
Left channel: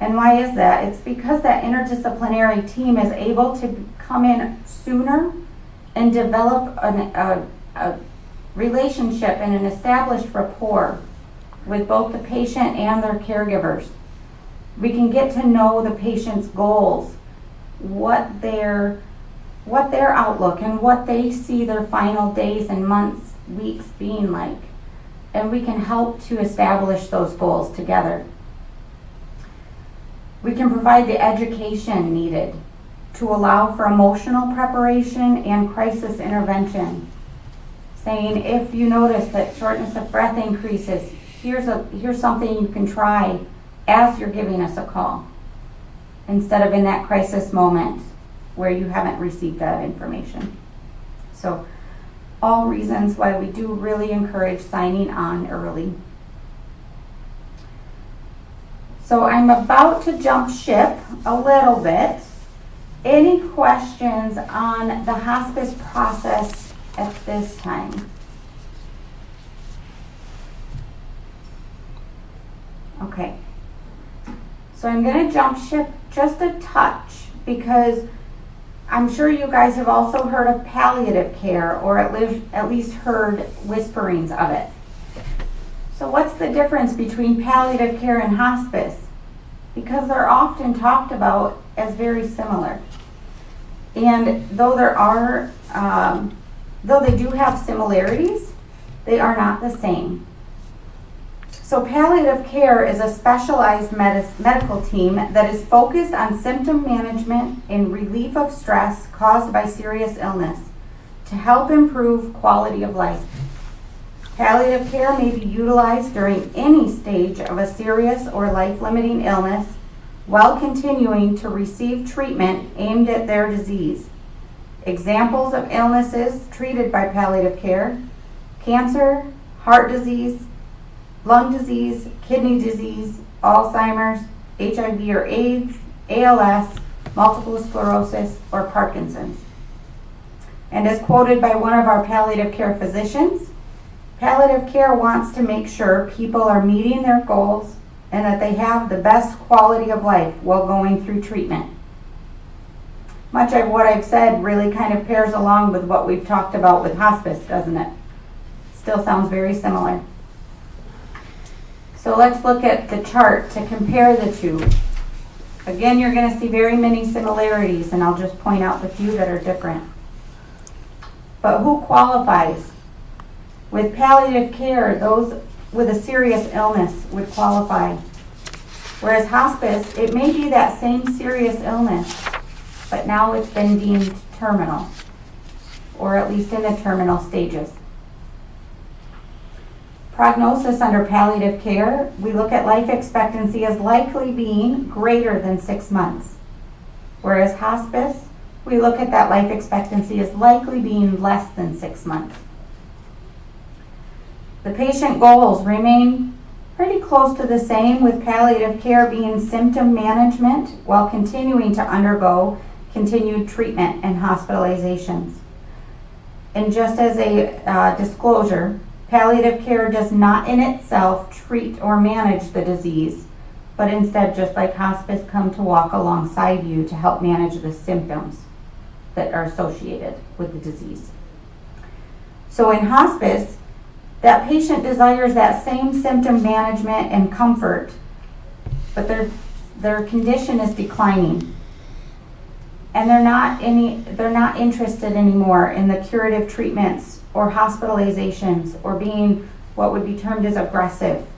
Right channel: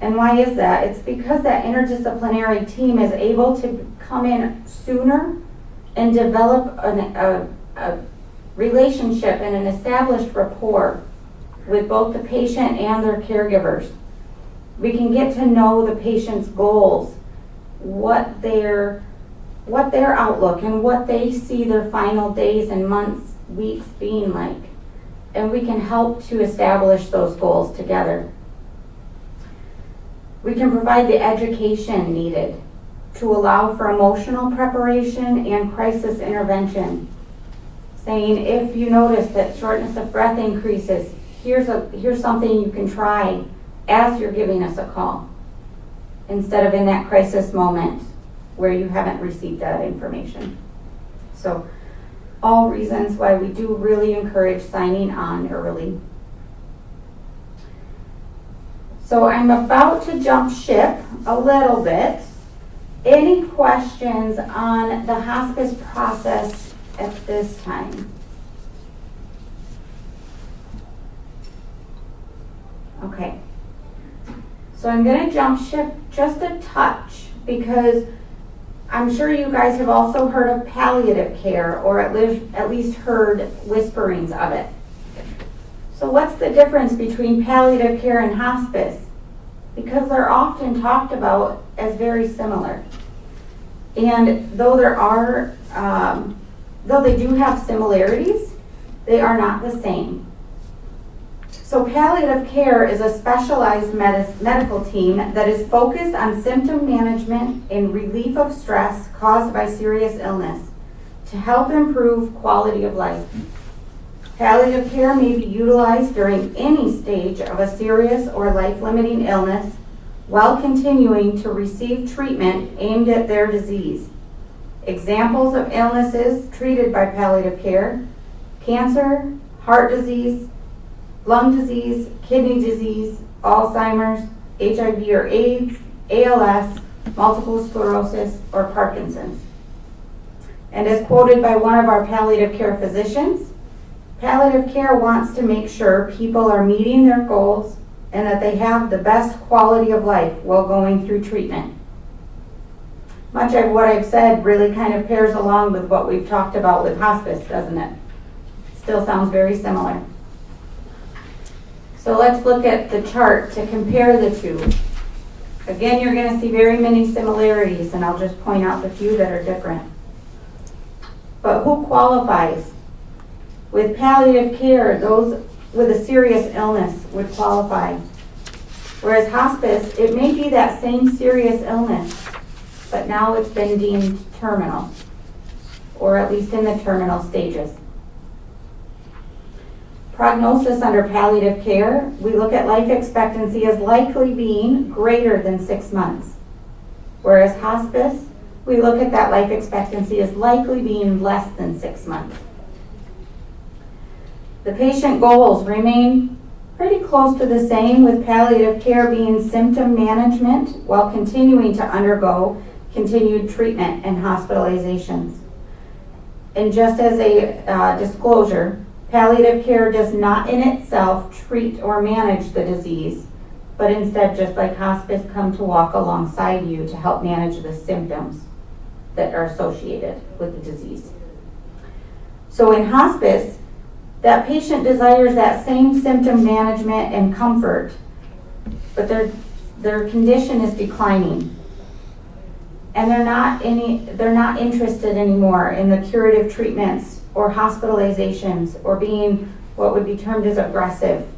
And why is that? It's because that interdisciplinary team is able to come in sooner and develop a relationship and an established rapport with both the patient and their caregivers. We can get to know the patient's goals, what their outlook and what they see their final days and months, weeks being like. And we can help to establish those goals together. We can provide the education needed to allow for emotional preparation and crisis intervention. Saying, if you notice that shortness of breath increases, here's something you can try as you're giving us a call, instead of in that crisis moment where you haven't received that information. So, all reasons why we do really encourage signing on early. So I'm about to jump ship a little bit. Any questions on the hospice process at this time? Okay. So I'm going to jump ship just a touch, because I'm sure you guys have also heard of palliative care, or at least heard whisperings of it. So what's the difference between palliative care and hospice? Because they're often talked about as very similar. And though they do have similarities, they are not the same. So palliative care is a specialized medical team that is focused on symptom management and relief of stress caused by serious illness to help improve quality of life. Palliative care may be utilized during any stage of a serious or life-limiting illness while continuing to receive treatment aimed at their disease. Examples of illnesses treated by palliative care: cancer, heart disease, lung disease, kidney disease, Alzheimer's, HIV or AIDS, ALS, multiple sclerosis, or Parkinson's. And as quoted by one of our palliative care physicians, palliative care wants to make sure people are meeting their goals and that they have the best quality of life while going through treatment. Much of what I've said really kind of pairs along with what we've talked about with hospice, doesn't it? Still sounds very similar. So let's look at the chart to compare the two. Again, you're going to see very many similarities, and I'll just point out the few that are different. But who qualifies? With palliative care, those with a serious illness would qualify. Whereas hospice, it may be that same serious illness, but now it's been deemed terminal, or at least in the terminal stages. Prognosis under palliative care, we look at life expectancy as likely being greater than 6 months. Whereas hospice, we look at that life expectancy as likely being less than 6 months. The patient goals remain pretty close to the same, with palliative care being symptom management while continuing to undergo continued treatment and hospitalizations. And just as a disclosure, palliative care does not in itself treat or manage the disease, but instead, just like hospice, come to walk alongside you to help manage the symptoms that are associated with the disease. So in hospice, that patient desires that same symptom management and comfort, but their condition is declining. And they're not interested anymore in the curative treatments or hospitalizations or being what would be termed as aggressive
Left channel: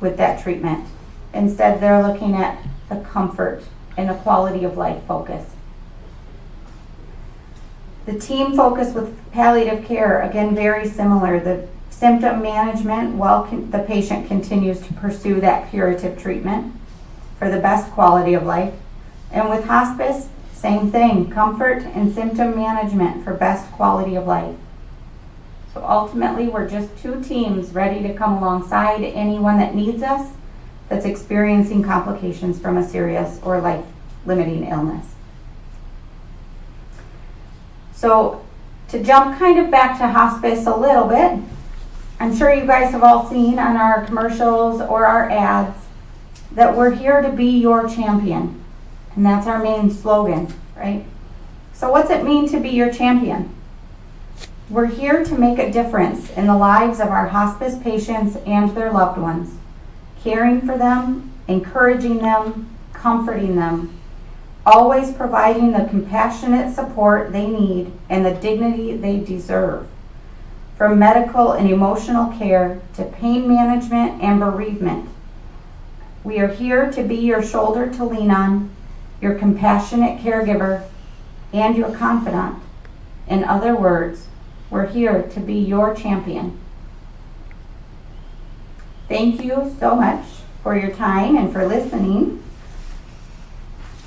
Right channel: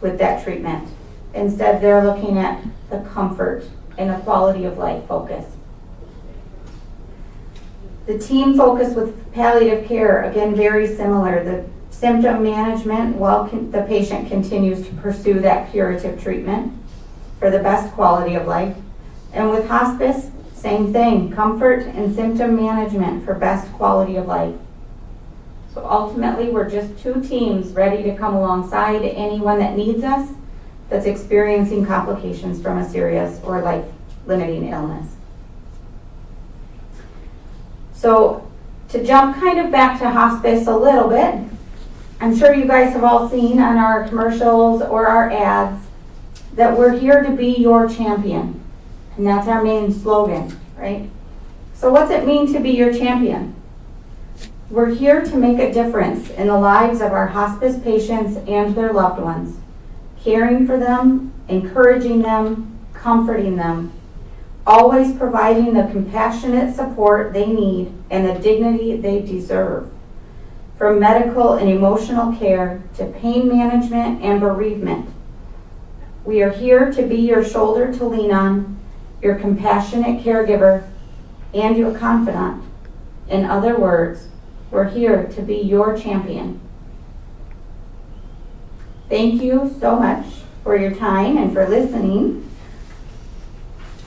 with that treatment. Instead, they're looking at the comfort and a quality of life focus. The team focus with palliative care, again, very similar. The symptom management while the patient continues to pursue that curative treatment for the best quality of life. And with hospice, same thing, comfort and symptom management for best quality of life. So ultimately, we're just two teams ready to come alongside anyone that needs us that's experiencing complications from a serious or life-limiting illness. So to jump kind of back to hospice a little bit, I'm sure you guys have all seen on our commercials or our ads that we're here to be your champion. And that's our main slogan, right? So what's it mean to be your champion? We're here to make a difference in the lives of our hospice patients and their loved ones, caring for them, encouraging them, comforting them, always providing the compassionate support they need and the dignity they deserve. From medical and emotional care to pain management and bereavement, we are here to be your shoulder to lean on, your compassionate caregiver, and your confidant. In other words, we're here to be your champion. Thank you so much for your time and for listening.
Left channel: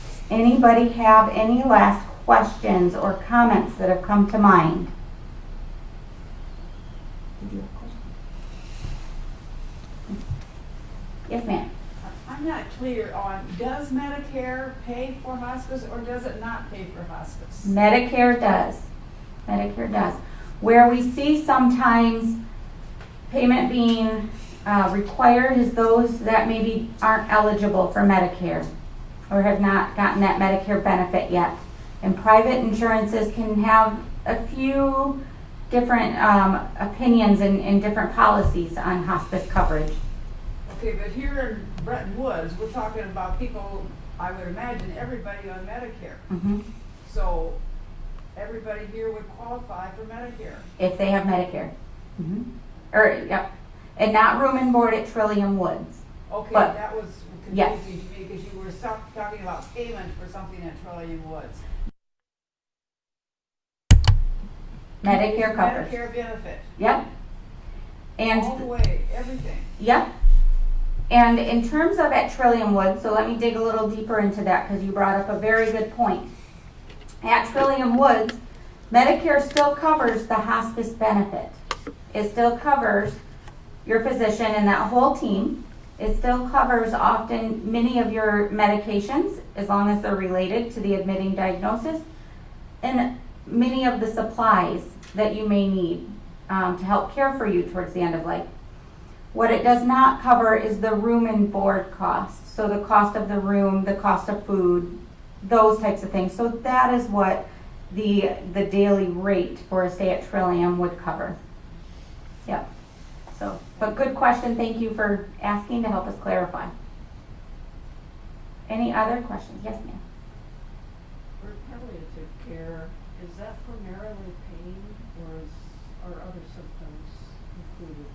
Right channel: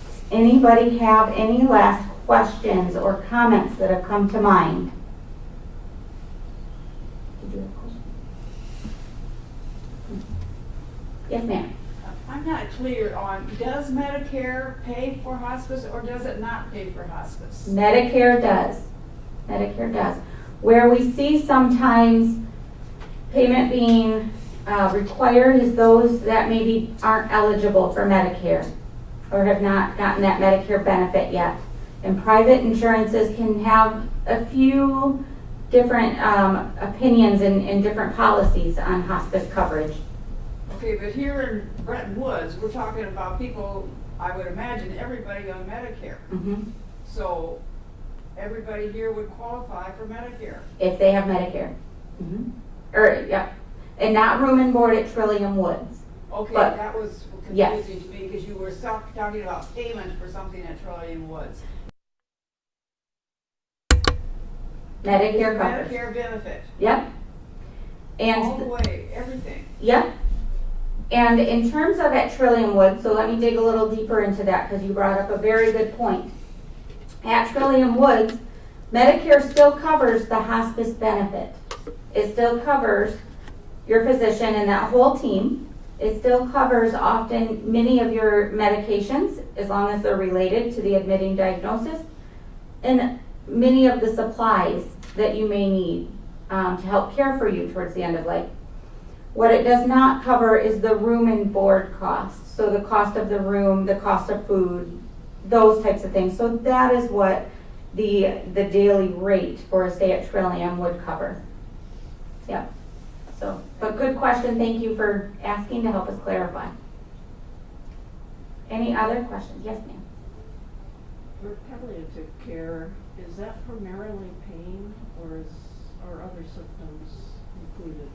Does anybody have any last questions or comments that have come to mind? Did you have a question? Yes, ma'am. I'm not clear on, does Medicare pay for hospice or does it not pay for hospice? Medicare does. Medicare does. Where we see sometimes payment being required is those that maybe aren't eligible for Medicare or have not gotten that Medicare benefit yet. And private insurances can have a few different opinions and different policies on hospice coverage. Okay, but here in Breton Woods, we're talking about people, I would imagine everybody on Medicare. Mm-hmm. So everybody here would qualify for Medicare. If they have Medicare. Mm-hmm. Yep. And not room and board at Trillium Woods. Okay, But- that was yes. confusing to me because you were talking about payment for something at Trillium Woods. Medicare covers. Medicare benefit. Yep. All the And way, everything. yep. And in terms of at Trillium Woods, so let me dig a little deeper into that because you brought up a very good point. At Trillium Woods, Medicare still covers the hospice benefit. It still covers your physician and that whole team. It still covers often many of your medications as long as they're related to the admitting diagnosis and many of the supplies that you may need to help care for you towards the end of life. What it does not cover is the room and board costs. So the cost of the room, the cost of food, those types of things. So that is what the daily rate for a stay at Trillium would cover. Yep. So, but good question. Thank you for asking to help us clarify. Any other questions? Yes, ma'am. For palliative care, is that primarily pain or are other symptoms included?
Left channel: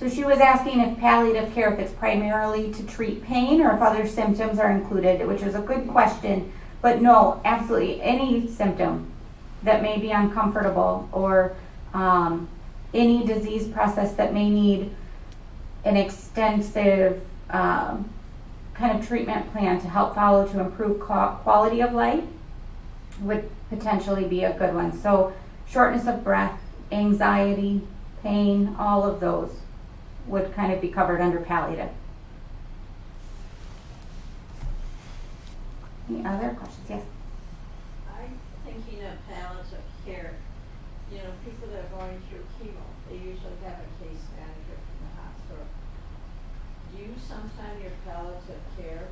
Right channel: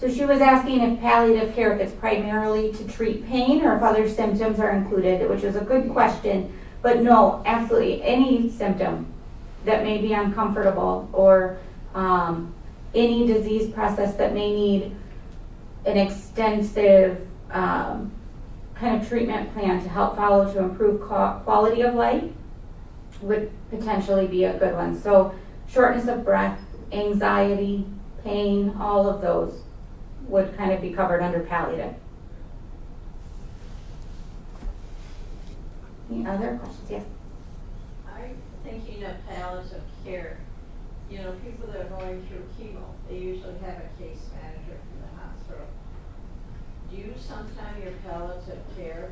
So she was asking if palliative care, if it's primarily to treat pain or if other symptoms are included, which is a good question. But no, absolutely any symptom that may be uncomfortable or any disease process that may need an extensive kind of treatment plan to help follow to improve quality of life would potentially be a good one. So shortness of breath, anxiety, pain, all of those would kind of be covered under palliative. Any other questions? Yes. I'm thinking of palliative care. You know, people that are going through chemo, they usually have a case manager from the hospital. Do you sometime your palliative care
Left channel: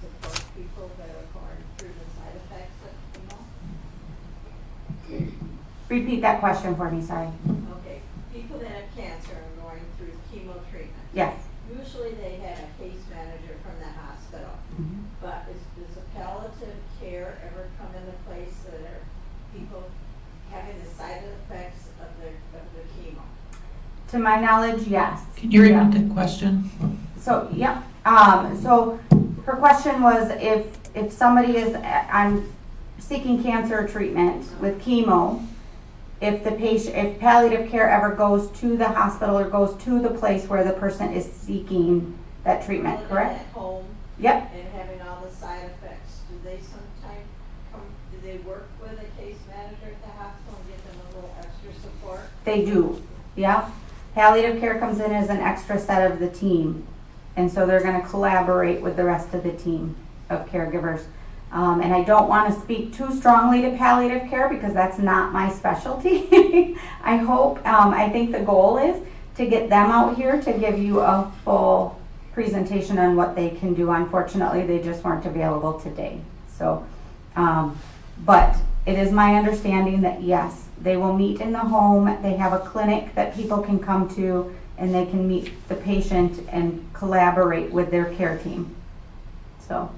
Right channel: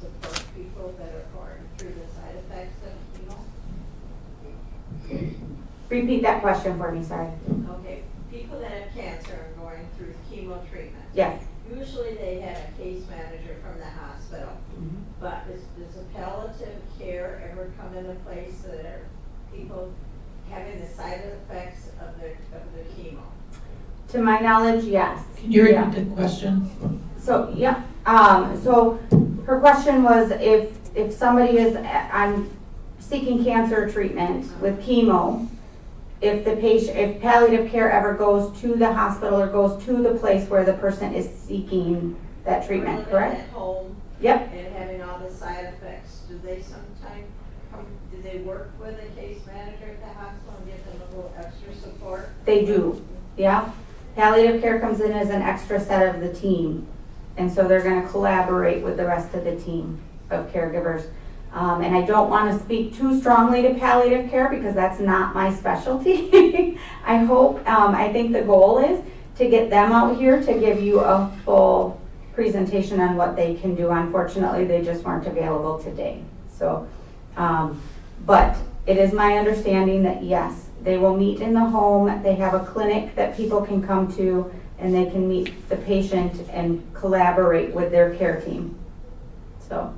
support people that are going through the side effects of chemo? Repeat that question for me, sorry. Okay, people that have cancer and going through chemo treatment. Yes. Usually they have a case manager from the hospital. Mm-hmm. But does the palliative care ever come come into place that are people having the side effects of the chemo? To my knowledge, yes. Can you Yeah. repeat the question? So, yeah, so her question was if somebody is, I'm seeking cancer treatment with chemo, if the patient, if palliative care ever goes to the hospital or goes to the place where the person is seeking that treatment, Living correct? at home Yep, and having all the side effects, do they sometime do they work with a case manager at the hospital and give them a little extra support? they do, yeah. Palliative care comes in as an extra set of the team, and so they're gonna collaborate with the rest of the team of caregivers. And I don't wanna speak too strongly to palliative care because that's not my specialty. I hope, I think the goal is to get them out here to give you a full presentation on what they can do. Unfortunately, they just weren't available today. So, but it is my understanding that yes, they will meet in the home. They have a clinic that people can come to and they can meet the patient and collaborate with their care team. So,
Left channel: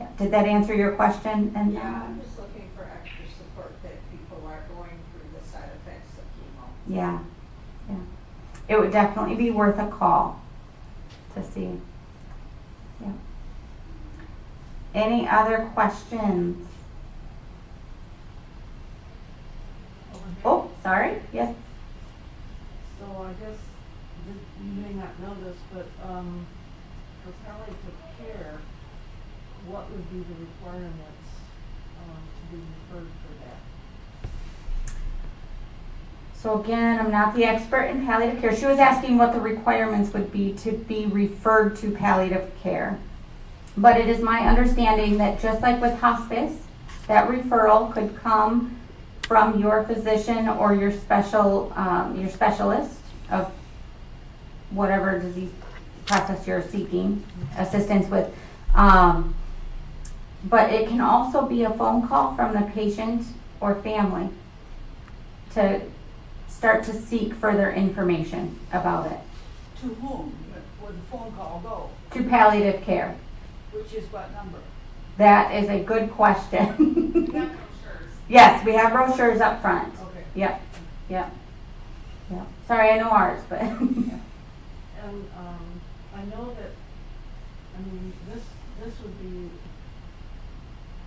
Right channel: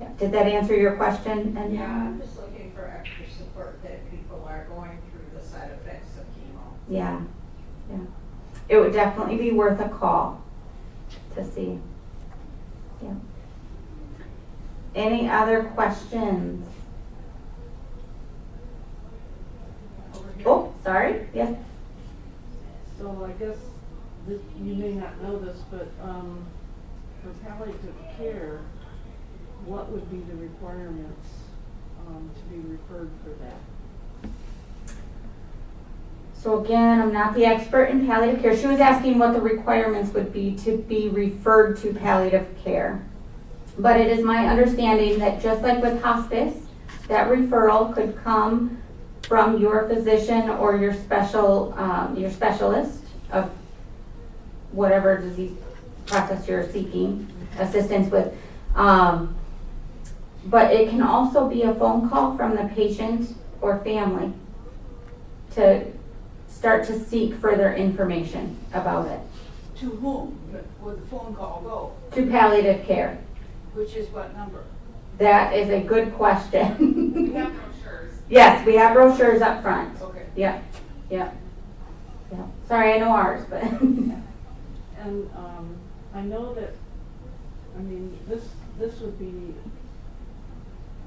yeah. Did that answer your question? And Yeah, I'm just looking for extra support that people are going through the side effects of chemo. yeah, yeah. It would definitely be worth a call to see. Yeah. Any other questions? Oh, sorry, yes. So I guess you may not know this, but, for palliative care, what would be the requirements, to be referred for that? So again, I'm not the expert in palliative care. She was asking what the requirements would be to be referred to palliative care. But it is my understanding that just like with hospice, that referral could come from your physician or your specialist of whatever disease process you're seeking assistance with. But it can also be a phone call from the patient or family to start to seek further information about it. To whom would the phone call go? To palliative care. Which is what number? That is a good question. We have brochures. Yes, we have brochures up front. Okay. Yep, yep, yep. Sorry, I know ours, but. And, I know that, I mean, this would be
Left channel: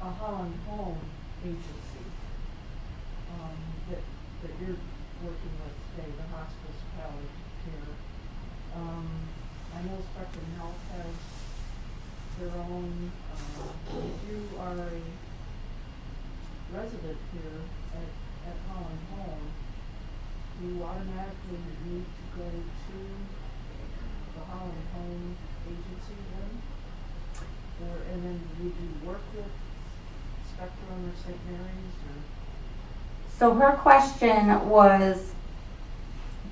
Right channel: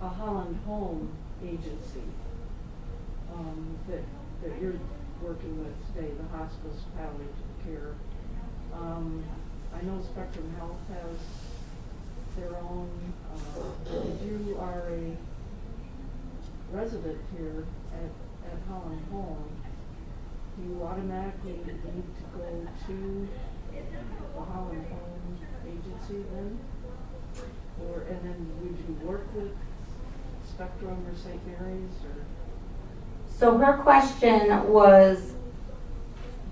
a Holland Home agency, that you're working with today, the hospice palliative care. I know Spectrum Health has their own, if you are a resident here at Holland Home, you automatically need to go to the Holland Home agency then? And then would you work with Spectrum or St. Mary's or? So her question was,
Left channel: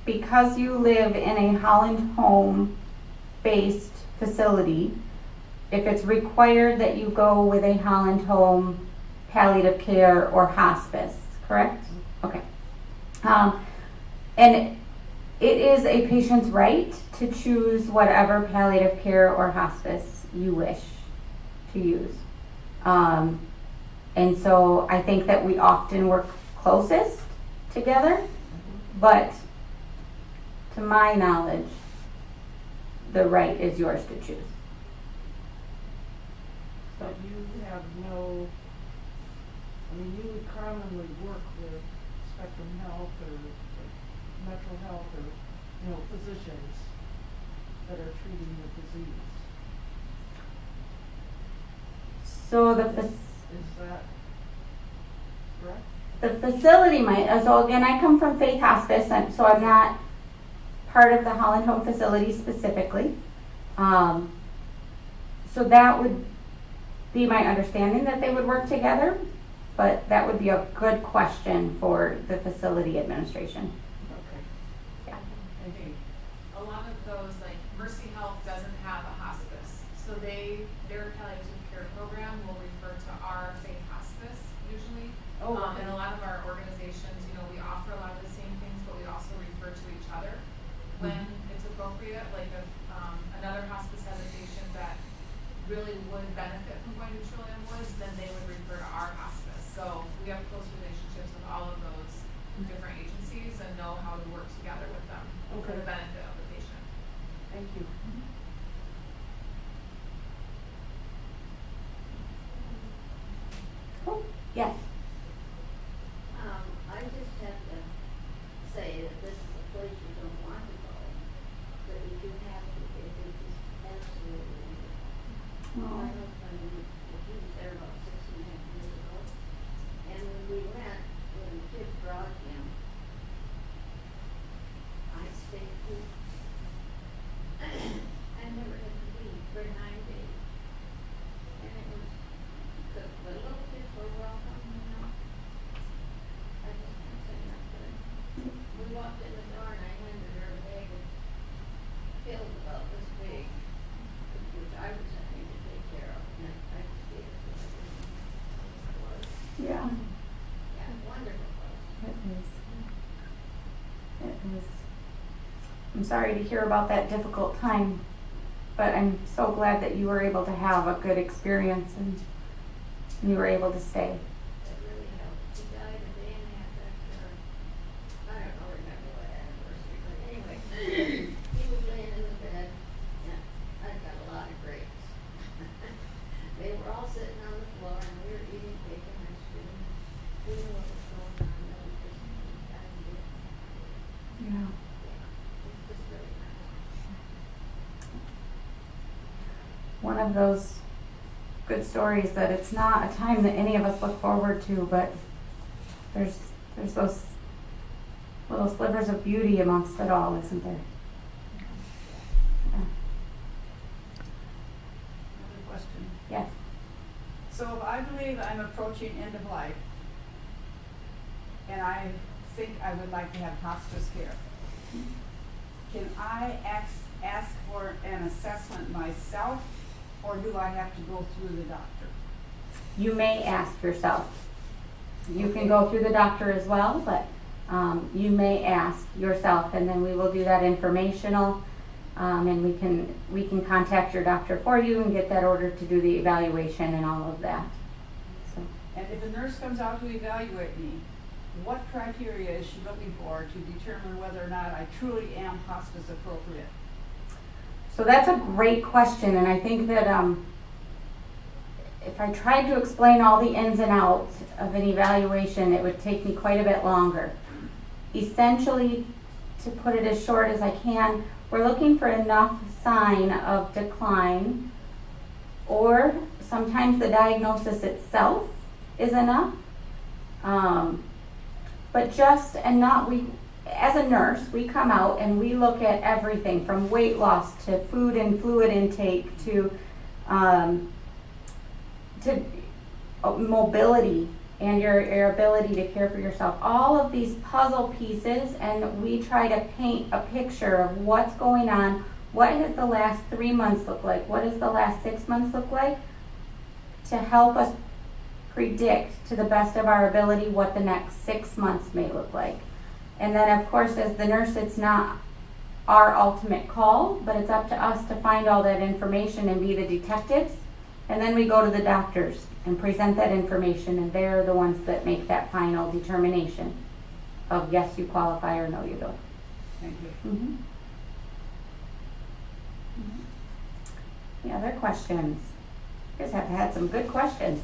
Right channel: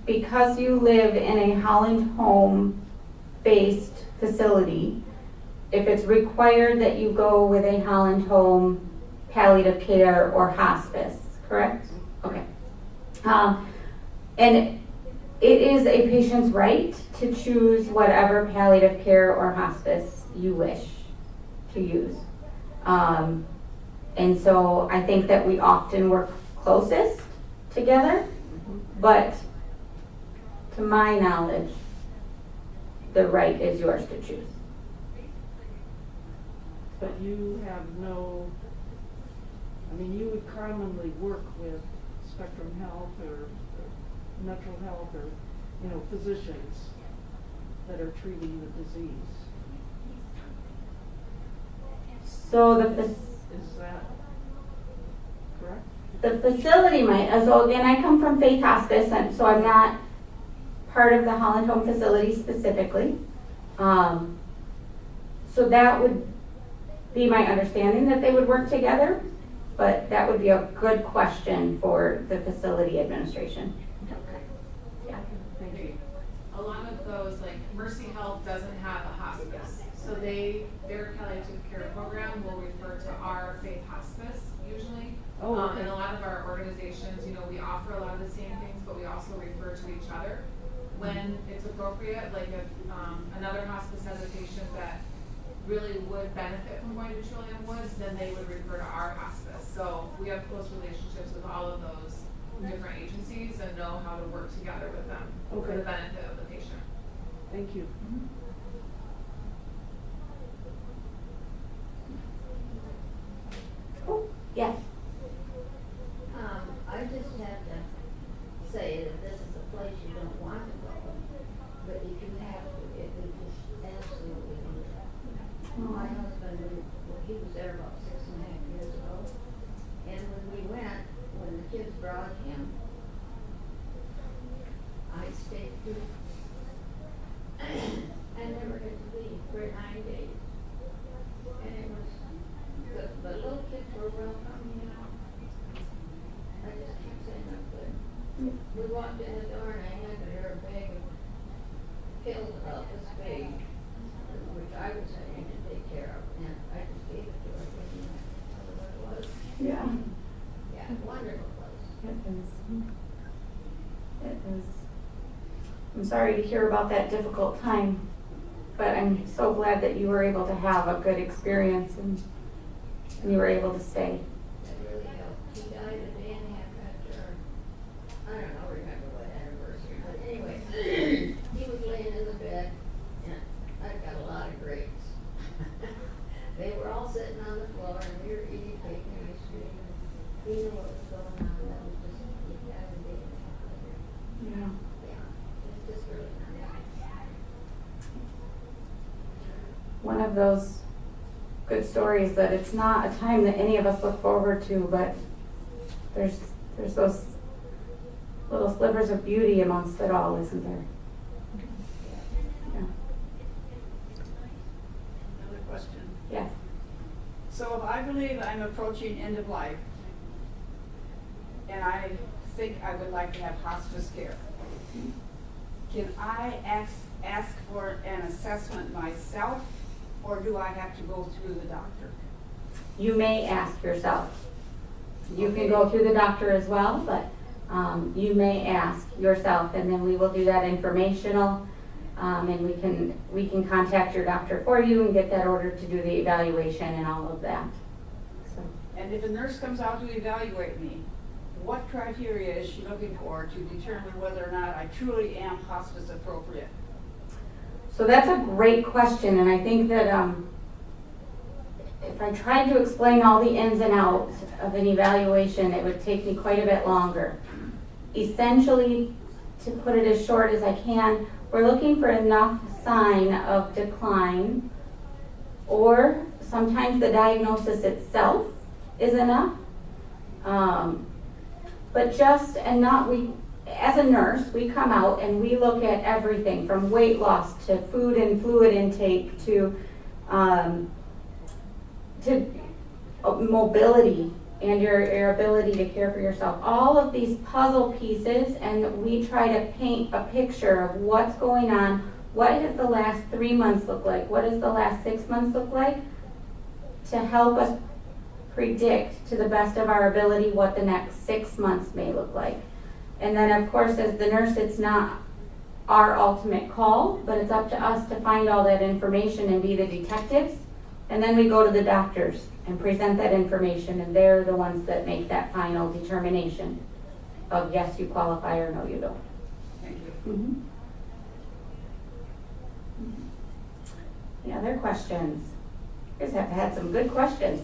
because you live in a Holland Home-based facility, if it's required that you go with a Holland Home palliative care or hospice, correct? Okay. And it is a patient's right to choose whatever palliative care or hospice you wish to use. And so I think that we often work closest together, but to my knowledge, the right is yours to choose. But you have no, I mean, you would commonly work with Spectrum Health or Metro Health or, physicians that are treating the disease. So Is that correct? the facility might, so again, I come from Faith Hospice, and so I'm not part of the Holland Home facility specifically. So that would be my understanding that they would work together, but that would be a good question for the facility administration. Okay. Thank you. A lot of those, like Mercy Health doesn't have a hospice, so their palliative care program will refer to our Faith Hospice usually. Oh, okay. And a lot of our organizations, we offer a lot of the same things, but we also refer to each other when it's appropriate. Like if another hospice has a patient that really would benefit from going to Trillium Woods, then they would refer to our hospice. we have close relationships with all of those different agencies and know how to work together with them for the benefit of the patient. Thank you. Cool. Yes. I just have to say that this is a place you don't want to go, but if you have to, it is just absolutely wonderful. My husband, he was there about 6.5 years ago, and when we went, when the kids brought him, I stayed too. I never had to leave for 9 days. And it was, the little kids were welcome, you know. I just can't say enough good. We walked in the door and I handed her a bag filled about this big, which I was saying to take care of, and I just gave it to her. I didn't know what it was. Yeah. Yeah, wonderful place. It is. It is. I'm sorry to hear about that difficult time, but I'm so glad that you were able to have a good experience and you were able to stay. That really helped. He died a day and a half after, I don't know, remember what anniversary, but anyway, he was laying in the bed, and I've got a lot of grapes. They were all sitting on the floor, and we were eating cake and ice cream, and we knew what was going on, and we just, we got to do it. Yeah. Yeah, it was just really nice. One of those good stories that it's not a time that any of us look forward to, but there's those little slivers of beauty amongst it all, isn't there? Yeah. Another question. Yes. So if I believe I'm approaching end of life, and I think I would like to have hospice care, can I ask for an assessment myself, or do I have to go through the doctor? You may ask yourself. You can go through the doctor as well, but you may ask yourself, and then we will do that informational, and we can contact your doctor for you and get that ordered to do the evaluation and all of that. So, And if a nurse comes out to evaluate me, what criteria is she looking for to determine whether or not I truly am hospice appropriate? so that's a great question, and I think that if I tried to explain all the ins and outs of an evaluation, it would take me quite a bit longer. Essentially, to put it as short as I can, we're looking for enough sign of decline, or sometimes the diagnosis itself is enough. But just, and not, we, as a nurse, we come out and we look at everything from weight loss to food and fluid intake to mobility and your ability to care for yourself. All of these puzzle pieces, and we try to paint a picture of what's going on. What has the last 3 months look like? What does the last 6 months look like? To help us predict to the best of our ability what the next 6 months may look like. And then of course, as the nurse, it's not our ultimate call, but it's up to us to find all that information and be the detectives. And then we go to the doctors and present that information, and they're the ones that make that final determination of yes, you qualify, or no, you don't. Thank you. Mm-hmm. Any other questions? You guys have had some good questions.